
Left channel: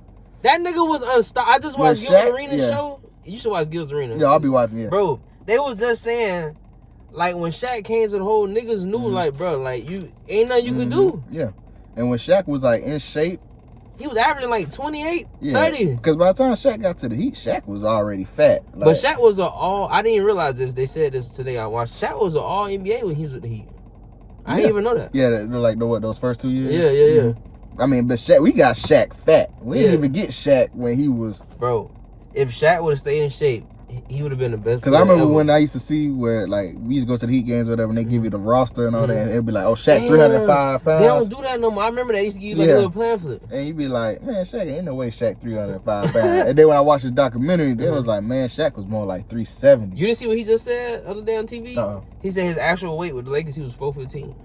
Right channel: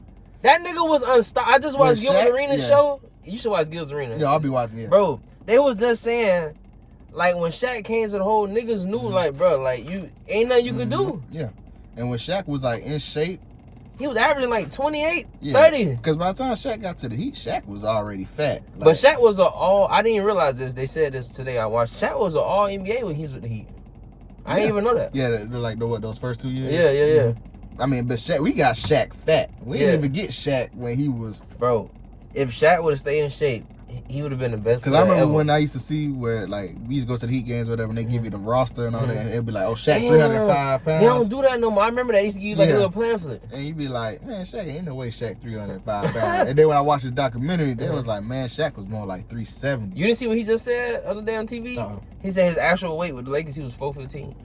That nigga was unstoppable. I just watched Gil's Arena show. You should watch Gil's Arena. Yeah, I'll be watching it. Bro, they was just saying, like, when Shaq came to the whole, niggas knew, like, bro, like, you ain't nothing you could do. Yeah. And when Shaq was, like, in shape, he was averaging, like, 28, 30. Because by the time Shaq got to the Heat, Shaq was already fat. Like, but Shaq was I didn't even realize this. They said this today. I watched. Shaq was an all-NBA when he was with the Heat. I didn't even know that. Yeah, they're like, those first 2 years? Yeah. I mean, but Shaq, we got Shaq fat. We didn't even get Shaq when he was... Bro, if Shaq would have stayed in shape, he would have been the best player Because I remember ever. when I used to see where, like, we used to go to the Heat games or whatever, and they give you the roster and all that, and it'd be like, oh, Shaq, 305 pounds. They don't do that no more. I remember they used to give you, like, a little pamphlet. And you'd be like, man, Shaq, ain't no way Shaq 305 pounds. And then when I watched this documentary, they was like, man, Shaq was more like 370. You didn't see what he just said other day on TV? He said his actual weight with the Lakers, he was 415.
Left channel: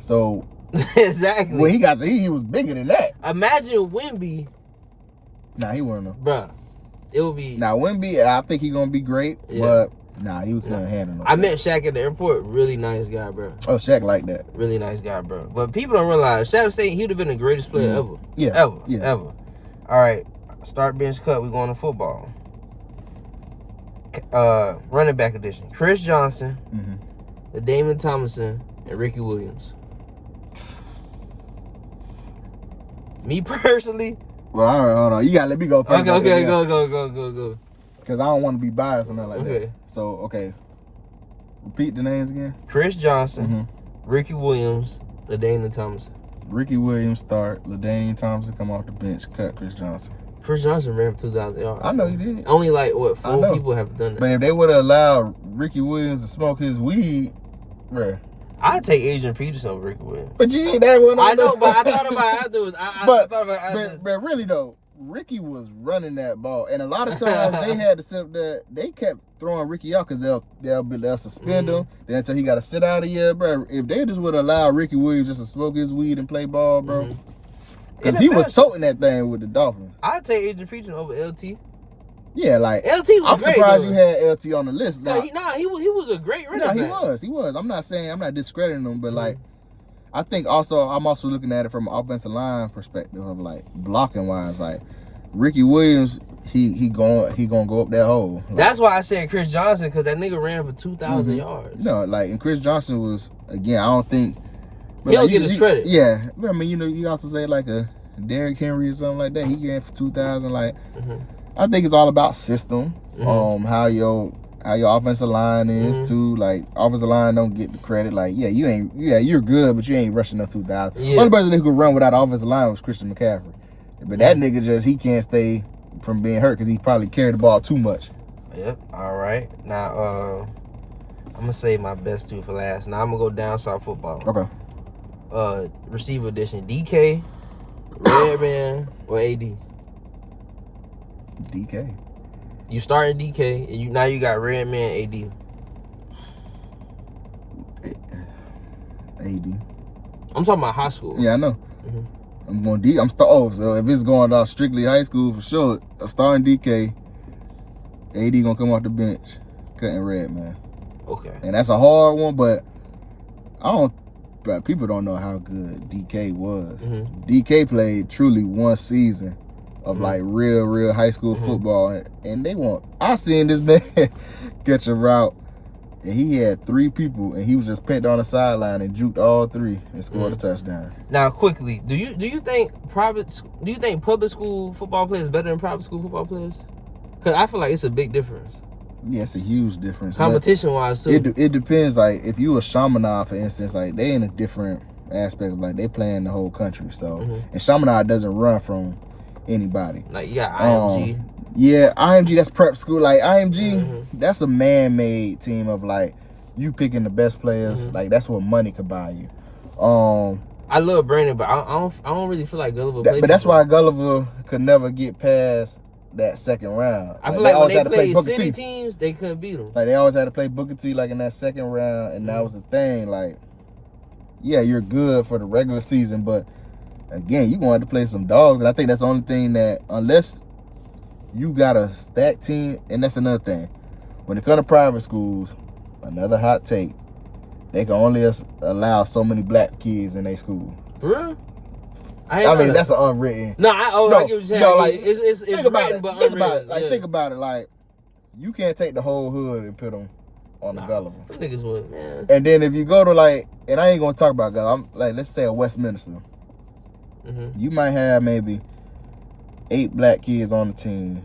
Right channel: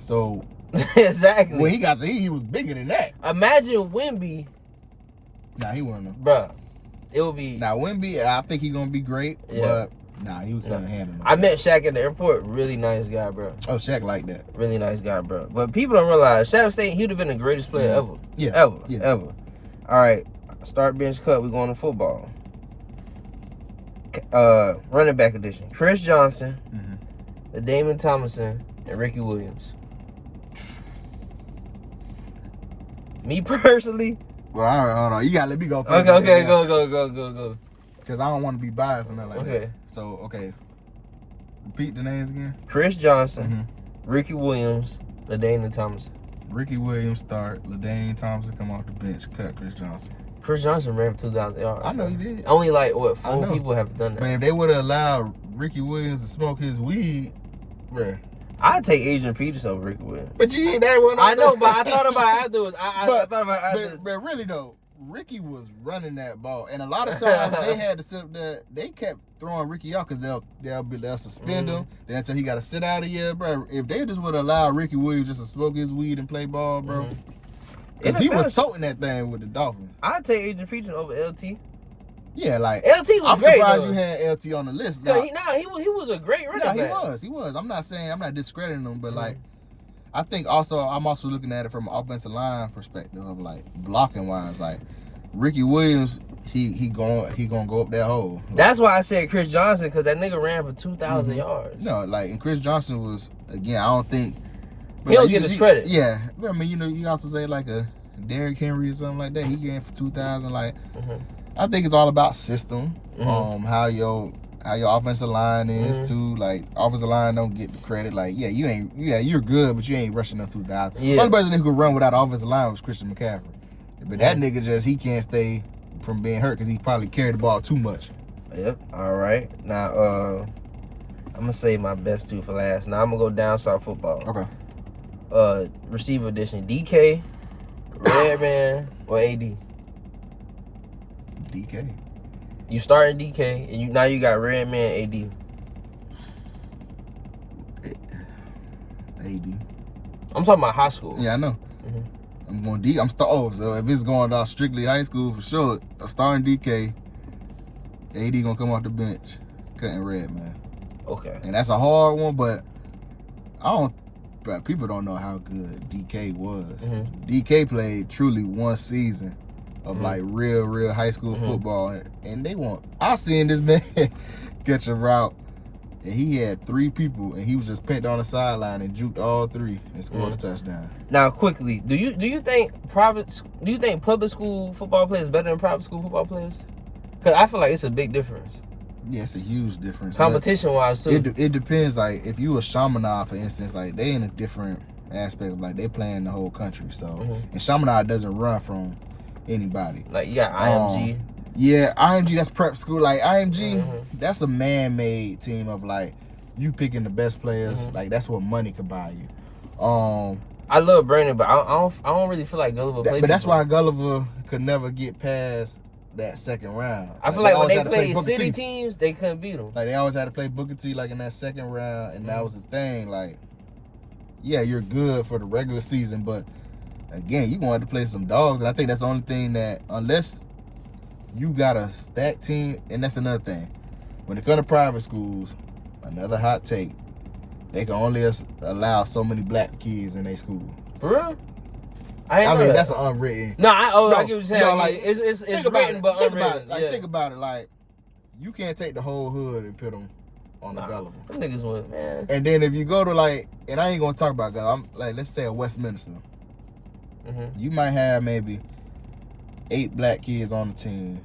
So... Exactly. When he got to Heat, he was bigger than that. Imagine Wemby. Nah, he wasn't. Bruh. It would be... Now, Wemby, I think he's going to be great, but nah, he couldn't handle it. I met Shaq at the airport. Really nice guy, bro. Oh, Shaq like that. Really nice guy, bro. But people don't realize, Shaq State, he would have been the greatest player ever. Yeah. Ever. All right. Start, bench, cut. We're going to football. Running back edition. Chris Johnson, Damon Thomason, and Ricky Williams. Me personally... Well, all right, hold on. You got to let me go first. Okay, go. Because I don't want to be biased or nothing like Okay. that. So, okay. Repeat the names again. Chris Johnson, Ricky Williams, LaDainian Thompson. Ricky Williams start. LaDainian Thompson come off the bench. Cut Chris Johnson. Chris Johnson ran for 2,000 yards. I know he did. Only like, what, 4 people have done that. But if they would have allowed Ricky Williams to smoke his weed, bruh. I'd take Adrian Peterson over Ricky Williams. But you ain't that one. I know, but I thought about it afterwards. I thought about it. But really though, Ricky was running that ball, and a lot of times they had to sit there. They kept throwing Ricky out because they'll suspend him. Then until he got to sit out a year, bro. If they just would allow Ricky Williams just to smoke his weed and play ball, bro, because he was toting that thing with the Dolphins. I'd take Adrian Peterson over LT. Yeah, like LT was I'm great. surprised you had LT on the list. Like, he was a great running back. He was. I'm not discrediting him, but like, I think I'm also looking at it from an offensive line perspective of like blocking wise. Like Ricky Williams, he gonna go up that hole. Like, that's why I said Chris Johnson, because that nigga ran for 2,000 yards. No, like, and Chris Johnson was, again, I don't think he don't get his credit. Yeah, but I mean, you also say like a Derrick Henry or something like that. He ran for 2,000. Like, I think it's all about system. How your offensive line is too. Like, offensive line don't get the credit. Like, you're good, but you ain't rushing up 2,000. Yeah. Only person who could run without offensive line was Christian McCaffrey. But that nigga he can't stay from being hurt because he probably carried the ball too much. Yep. All right. Now, I'm gonna save my best two for last. Now I'm gonna go down south football. Okay. Receiver edition: DK, Redman, or AD. DK. You starting DK, and now you got Redman, AD. AD. I'm talking about high school. Yeah, I know. I'm going D. So if it's going off strictly high school for sure, I'm starting DK. AD gonna come off the bench, cutting Redman. Okay. And that's a hard one, but but people don't know how good DK was. DK played truly one season of like real high school football, and I seen this man catch a route, and he had 3 people, and he was just pinned on the sideline and juked all 3 and scored a touchdown. Now, quickly, do you think public school football players better than private school football players? Because I feel like it's a big difference. Yeah, it's a huge difference. Competition-wise, too. It depends. Like, if you a Chaminade, for instance, like, they in a different aspect of, like, they playing the whole country. So, and Chaminade doesn't run from anybody. Like, you got IMG. Yeah, IMG, that's prep school. Like, IMG, that's a man-made team of, like, you picking the best players. Like, that's what money could buy you. I love Brandon, but I don't really feel like Gulliver played. But that's why Gulliver could never get past that second round. I feel like when they played city teams, they couldn't beat them. Like, they always had to play Booker T, like, in that second round, and that was the thing. Like, yeah, you're good for the regular season, but, again, you're going to have to play some dogs, and I think that's the only thing that, unless you got a stacked team, and that's another thing. When it comes to private schools, another hot take, they can only allow so many black kids in their school. For real? I mean, that's an unwritten. I get what you're saying. Like, it's written, but unwritten. Think about it. Like, you can't take the whole hood and put them on the Gulliver. Them niggas would, man. And then if you go to, like, and I ain't gonna talk about Gulliver. I'm like, let's say a Westminster. You might have maybe 8 black kids on the team,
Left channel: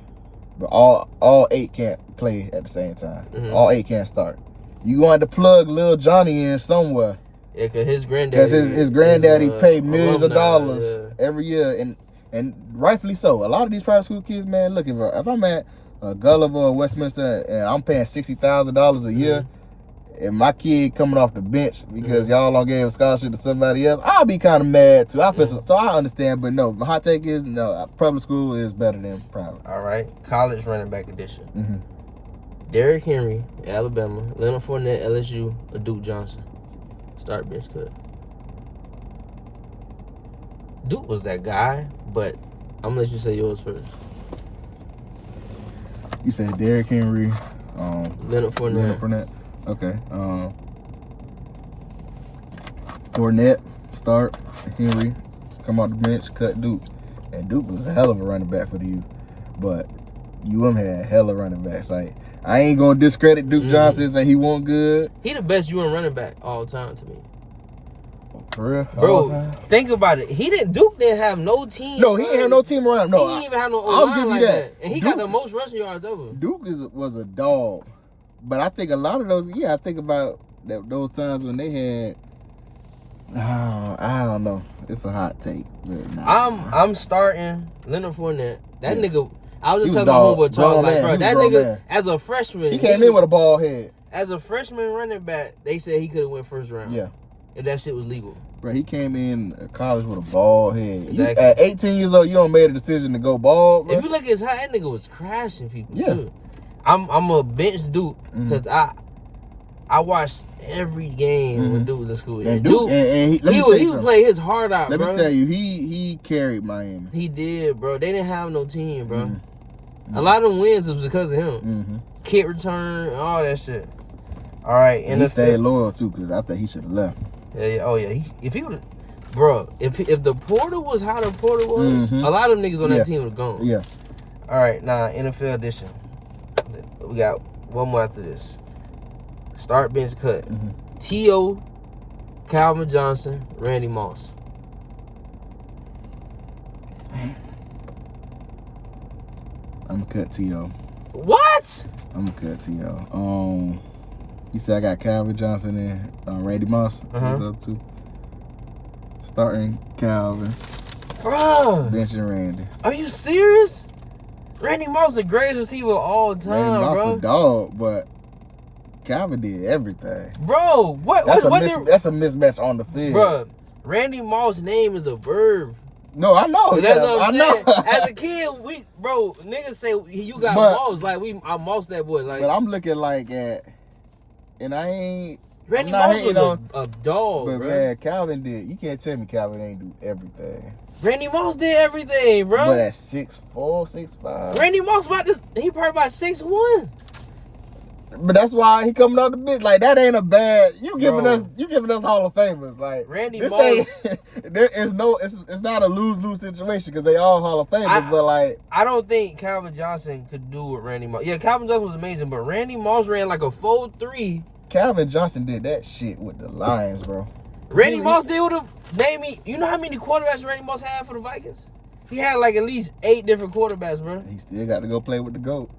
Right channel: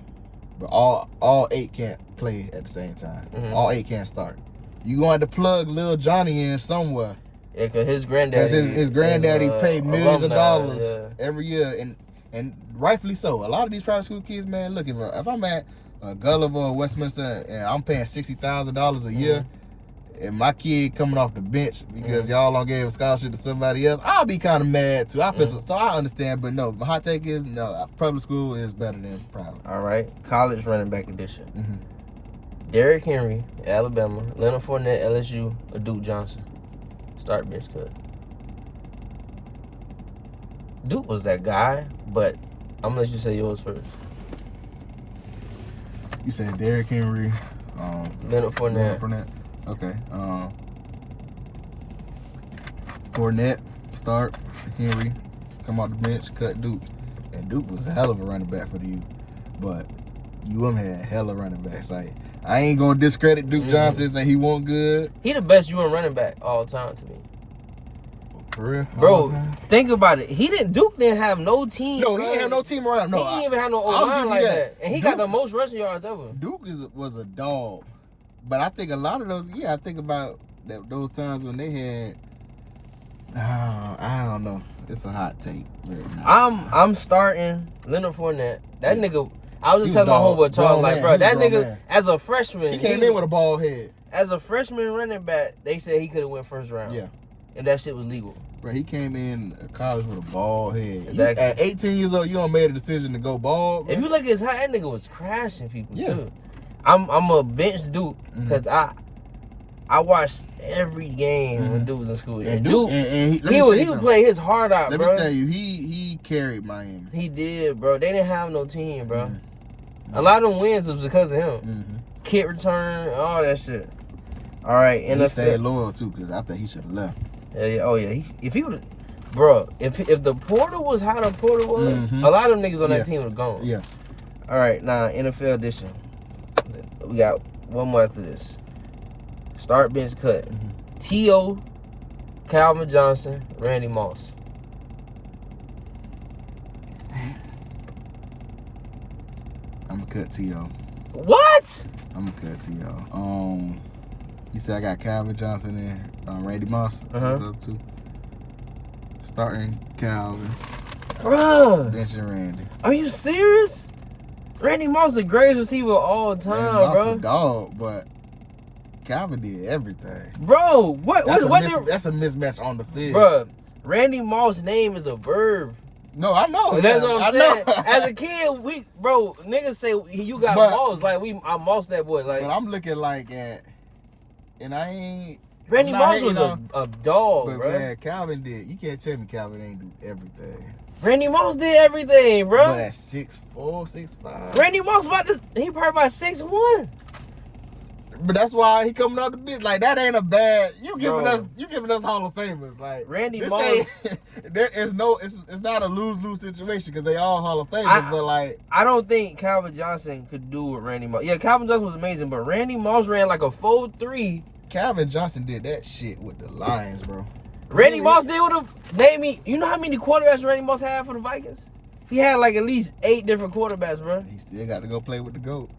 but all 8 can't play at the same time. All 8 can't start. You going to plug Lil Johnny in somewhere. Yeah, because his granddaddy. Because his granddaddy paid millions alumni, of dollars every year, and rightfully so. A lot of these private school kids, man, look, if I'm at Gulliver or Westminster and I'm paying $60,000 a year, and my kid coming off the bench because y'all don't gave a scholarship to somebody else, I'll be kind of mad too. So I understand, but no, my hot take is no, public school is better than private. All right, college running back edition. Derrick Henry, Alabama, Leonard Fournette, LSU, or Duke Johnson. Start bench cut. Duke was that guy, but I'm gonna let you say yours first. You said Derrick Henry, Leonard Fournette. Okay. Fournette, start. Henry, come out the bench, cut Duke. And Duke was a hell of a running back for the U. But UM had hella running backs. Like, I ain't gonna discredit Duke Johnson and say he wasn't good. He the best UM running back all time to me. For real? Bro, think about it. Duke didn't have no team. No, he didn't have no team around him. No, he didn't even have no O-line like that. And he got the most rushing yards ever. Duke was a dog. But I think a lot of those, I think about those times when they had, I don't know. It's a hot take. I'm starting Leonard Fournette. That nigga, I was just telling my homeboy Charles, like, bro, that nigga, as a freshman. He came in with a ball head. As a freshman running back, they said he could have went first round. Yeah. If that shit was legal. Bro, he came in college with a bald head. Exactly. At 18 years old, you don't made a decision to go bald, bro. If you look at his height, that nigga was crashing people, too. I'm a bench Duke, because I watched every game when Duke was in school. And Duke, he would play his heart out, bro. Let me tell you, he carried Miami. He did, bro. They didn't have no team, bro. A lot of them wins was because of him. Kick return, all that shit. All right, and he stayed loyal too, because I think he should have left. Yeah. Oh yeah. If he would, bro. If the portal was how the portal was, a lot of them niggas on that team would have gone. Yeah. All right, now NFL edition. We got one more after this. Start bench cut. T.O., Calvin Johnson, Randy Moss. I'm gonna cut T.O. What? I'm gonna cut T.O. You said I got Calvin Johnson and Randy Moss. Up too. Starting Calvin. Bruh. Benching Randy. Are you serious? Randy Moss is the greatest receiver of all time, Randy bro. Moss a dog, but Calvin did everything. Bro, that's a mismatch on the field. Bro, Randy Moss' name is a verb. No, I know. That's what I'm saying. As a kid, niggas say you got Moss. Like, I Moss that boy. Like, but I'm looking like at, and I ain't. Randy Moss was a dog, but bro. Man, Calvin did. You can't tell me Calvin ain't do everything. Randy Moss did everything, bro. But at 6'4", 6'5". Randy Moss he probably about 6'1". But that's why he coming out the bench. Like, that ain't a bad. You giving us Hall of Famers. Like, Randy Moss. It's not a lose-lose situation because they all Hall of Famers. But like, I don't think Calvin Johnson could do what Randy Moss. Yeah, Calvin Johnson was amazing, but Randy Moss ran like a 4.3. Calvin Johnson did that shit with the Lions, bro. Randy Moss did with you know how many quarterbacks Randy Moss had for the Vikings? He had like at least 8 different quarterbacks, bro. He still got to go play with the GOAT.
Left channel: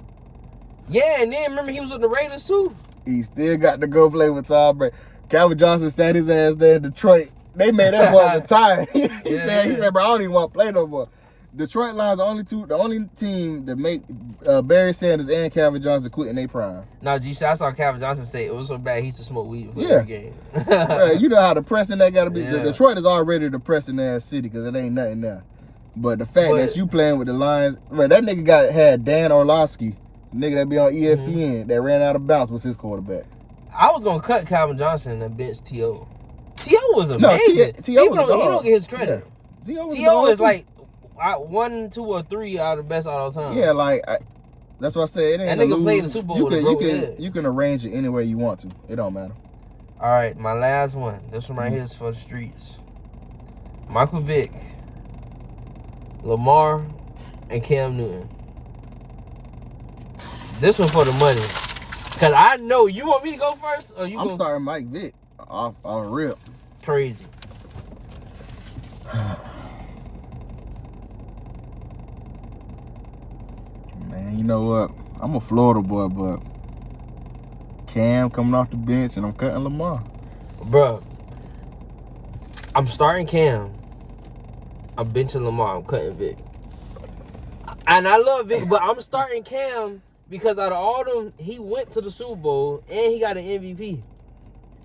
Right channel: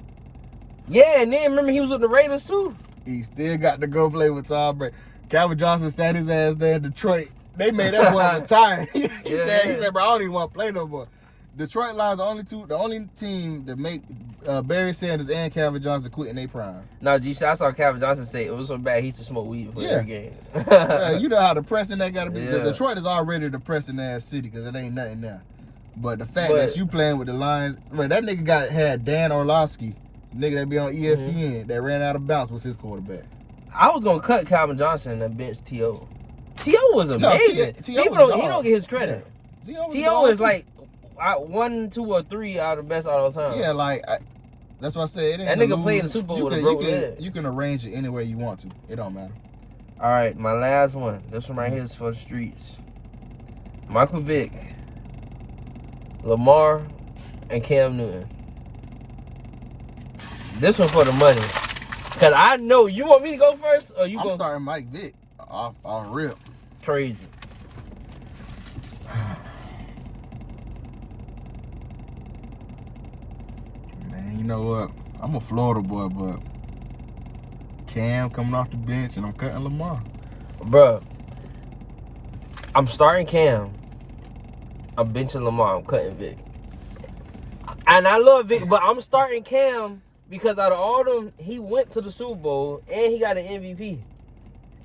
Yeah, and then remember he was with the Raiders too. He still got to go play with Tom Brady. Calvin Johnson sat his ass there in Detroit. They made that boy retire. He said, bro, I don't even want to play no more. Detroit Lions the only team that make Barry Sanders and Calvin Johnson quit in their prime. No, I saw Calvin Johnson say it was so bad he used to smoke weed before every game. Yeah, you know how depressing that got to be. Yeah. Detroit is already a depressing ass city because it ain't nothing there. But the fact that you playing with the Lions, man, that nigga had Dan Orlovsky, nigga that be on ESPN, that ran out of bounds was his quarterback. I was gonna cut Calvin Johnson and bench T.O. T.O. was amazing. He don't get his credit. Yeah. T.O. is like 1, 2, or 3 out of the best all the time. Yeah, like that's what I said. It ain't that nigga played in the Super Bowl with a broken head. You can arrange it any way you want to. It don't matter. All right, my last one. This one right here is for the streets. Michael Vick, Lamar, and Cam Newton. This one for the money. Cause I know you want me to go first, or you? I'm starting Mike Vick off rip. Crazy. Man, you know what? I'm a Florida boy, but Cam coming off the bench and I'm cutting Lamar. Bruh, I'm starting Cam. I'm benching Lamar. I'm cutting Vic. And I love Vic, but I'm starting Cam because out of all them, he went to the Super Bowl and he got an MVP.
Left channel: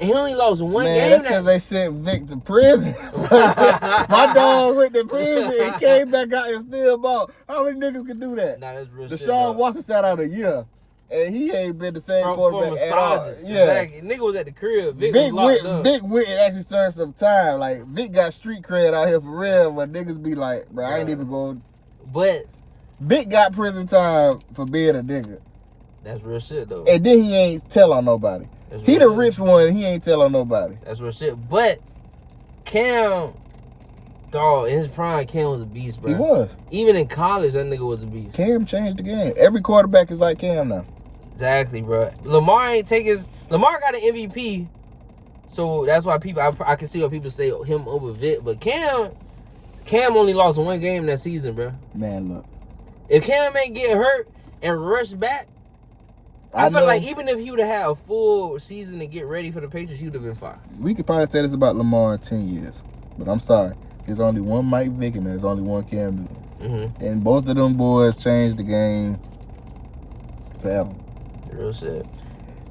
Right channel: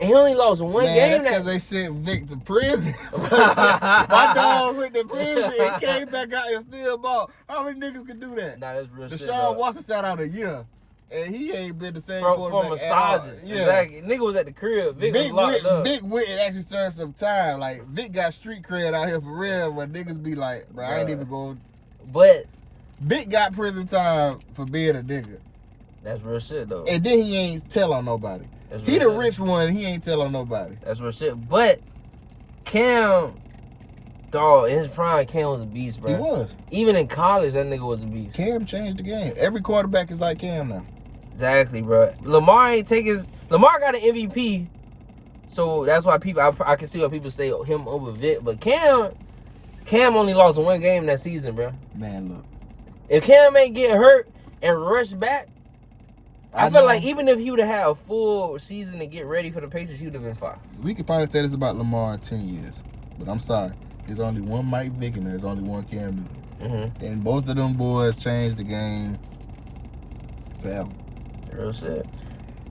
And he only lost one game. That's because they sent Vic to prison. My dog went to prison and came back out and still ball. How many niggas can do that? Nah, that's real shit. Deshaun Watson sat out a year. And he ain't been the same quarterback at all. Yeah. Exactly. Nigga was at the crib. Vic was locked up. Vic went and actually served some time. Like, Vic got street cred out here for real, but niggas be like, bro, I ain't even going. But Vic got prison time for being a nigga. That's real shit, though. And then he ain't tell on nobody. He the rich one. He ain't tell on nobody. That's real shit. But Cam, dog, in his prime, Cam was a beast, bro. He was. Even in college, that nigga was a beast. Cam changed the game. Every quarterback is like Cam now. Exactly, bro. Lamar got an MVP, So that's why I can see why people say him over Vic. But Cam only lost one game that season, bro. Man, look. If Cam ain't get hurt and rush back, I feel like even if he would have had a full season to get ready for the Patriots, he would have been fine. We could probably say this about Lamar in 10 years. But I'm sorry. There's only one Mike Vick and there's only one Cam Newton. Mm-hmm. And both of them boys changed the game forever. Real shit.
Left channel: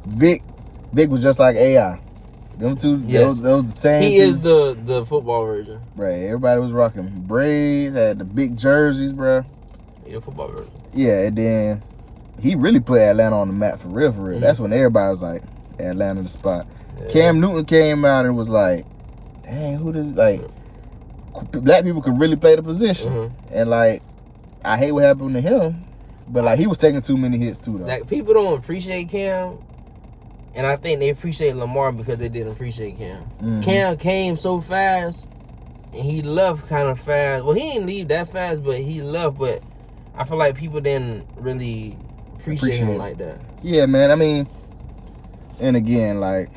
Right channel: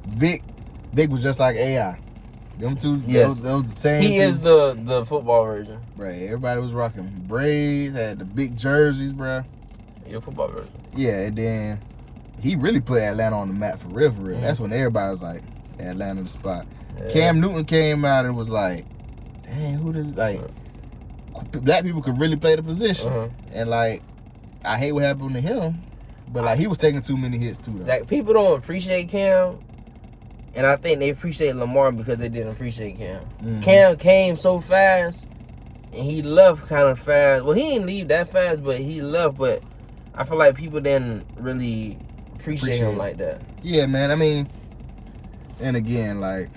Vic was just like AI. Them two, yes. those the same. He two. is the football version. Right. Everybody was rocking braids, had the big jerseys, bro. He the football version. Yeah, and then he really put Atlanta on the map for real, for real. Mm-hmm. That's when everybody was like, Atlanta the spot. Yeah. Cam Newton came out and was like, dang, who this, like, black people could really play the position. Mm-hmm. And, like, I hate what happened to him, but, like, he was taking too many hits, too, though. Like, people don't appreciate Cam, and I think they appreciate Lamar because they didn't appreciate Cam. Mm-hmm. Cam came so fast, and he left kind of fast. Well, he didn't leave that fast, but he left, but I feel like people didn't really appreciate him like that. Yeah, man, I mean, and again, like,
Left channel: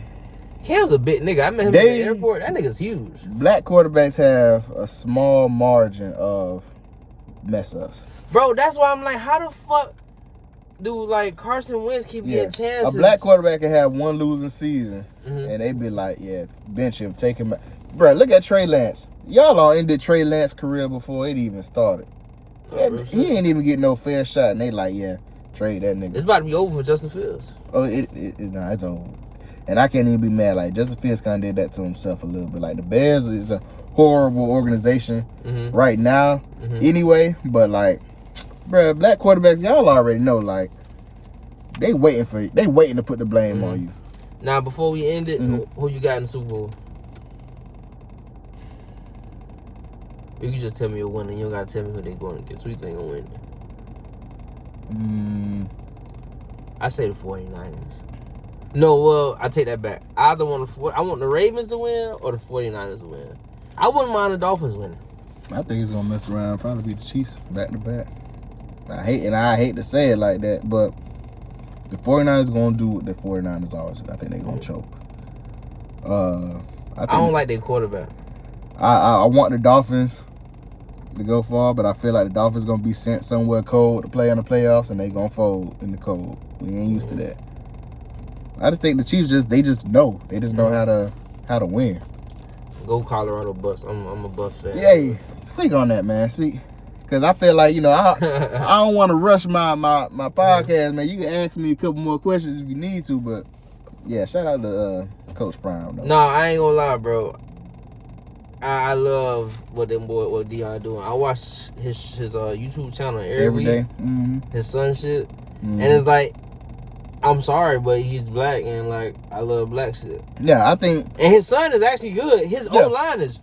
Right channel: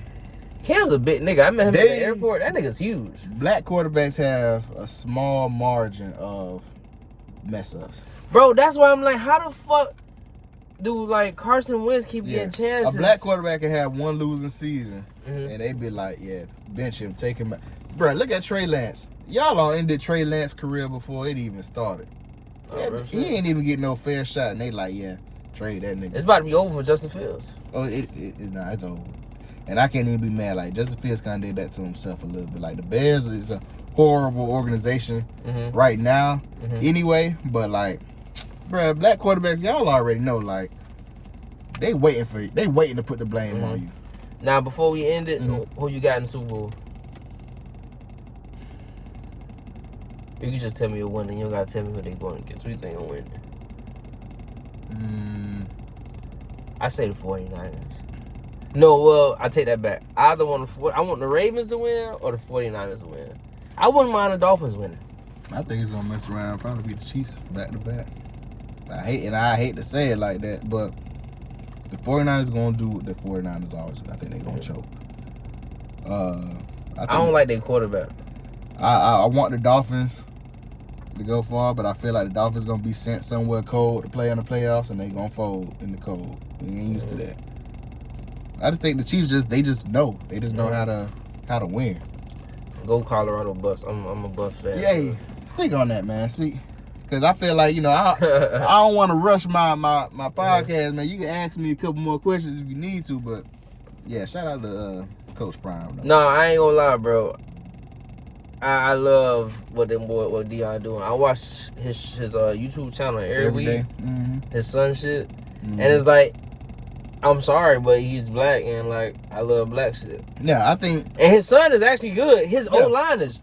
Cam's a big nigga. I met him at the airport. That nigga's huge. Black quarterbacks have a small margin of mess ups. Bro, that's why I'm like, how the fuck do, like, Carson Wentz keep getting chances? A black quarterback can have one losing season, and they be like, yeah, bench him, take him out. Bro, look at Trey Lance. Y'all all ended Trey Lance's career before it even started. He ain't even getting no fair shot, and they like, yeah, trade that nigga. It's about to be over for Justin Fields. Oh, it's over. And I can't even be mad. Like, Justin Fields kind of did that to himself a little bit. Like, the Bears is a horrible organization right now anyway. But, like, bruh, black quarterbacks, y'all already know, like, they waiting to put the blame on you. Now, before we end it, who you got in the Super Bowl? You can just tell me you're winning. You don't got to tell me who they going against. Who you think will win? I say the 49ers. No, well, I take that back. I want the Ravens to win or the 49ers to win. I wouldn't mind the Dolphins winning. I think he's gonna mess around, probably be the Chiefs back to back. I hate to say it like that, but the 49ers gonna do what the 49ers always do. I think they're gonna choke. I don't like their quarterback. I want the Dolphins to go far, but I feel like the Dolphins gonna be sent somewhere cold to play in the playoffs, and they gonna fold in the cold. We ain't used to that. I just think the Chiefs they just know how to win. Go Colorado Bucks. I'm a Bucks fan. Yeah, speak on that, man. Speak, because I feel like I don't want to rush my podcast, man. You can ask me a couple more questions if you need to, but yeah, shout out to Coach Prime. Though. No, I ain't gonna lie, bro. I love what Deion doing. I watch his YouTube channel every week. Day. His son shit, and it's like, I'm sorry, but he's black, and like I love black shit. Yeah, I think. And his son is actually good. His O-line is,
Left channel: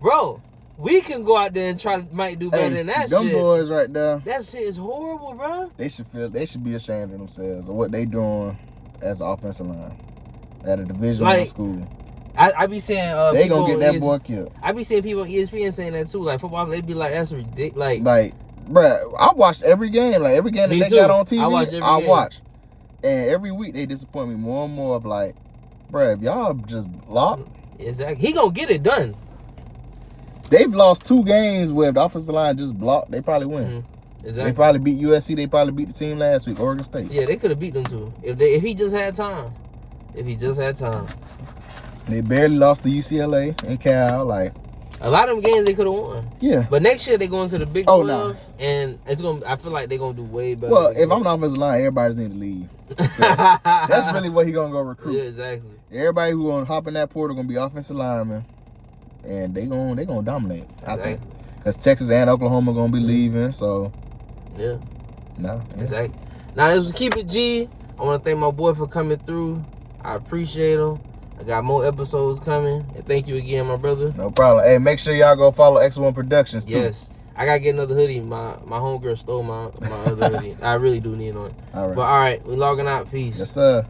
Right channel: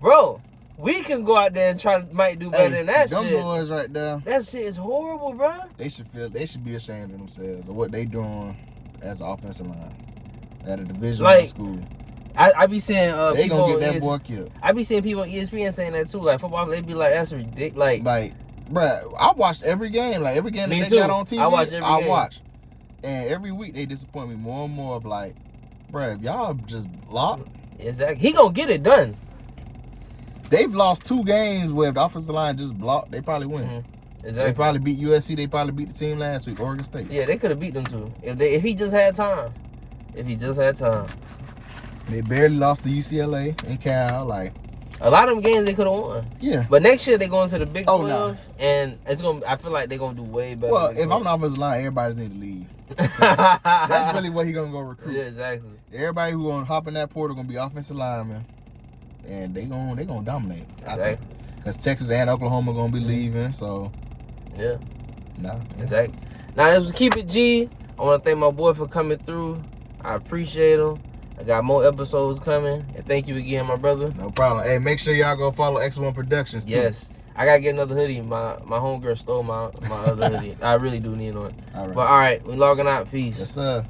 bro. We can go out there and might do better than that them shit. Them boys right there. That shit is horrible, bro. They should be ashamed of themselves of what they doing as an offensive line at a Division I school. I be seeing they gonna get that boy killed. I be seeing people on ESPN saying that too. Like football, they be like, that's ridiculous. Like, bruh, I watched every game. Like every game that they got on TV, I watched. And every week they disappoint me more and more. Of like, bruh, if y'all just block, exactly, he gonna get it done. They've lost 2 games where the offensive line just blocked. They probably win. Exactly. They probably beat USC. They probably beat the team last week, Oregon State. Yeah, they could have beat them too if he just had time. They barely lost to UCLA and Cal. Like, a lot of them games they could have won. Yeah. But next year they going to the Big 12, and it's gonna. I feel like they're gonna do way better. Well, if I'm the offensive line, everybody need to leave. That's really what he gonna go recruit. Yeah, exactly. Everybody who gonna hop in that portal gonna be offensive linemen, and they gonna dominate. Exactly. I think because Texas and Oklahoma gonna be leaving. So yeah. No. Yeah. Exactly. Now this was Keep It G. I want to thank my boy for coming through. I appreciate him. I got more episodes coming. And thank you again, my brother. No problem. Hey, make sure y'all go follow X1 Productions, too. Yes. I got to get another hoodie. My homegirl stole my other hoodie. I really do need one. All right. But, all right. We logging out. Peace. Yes, sir.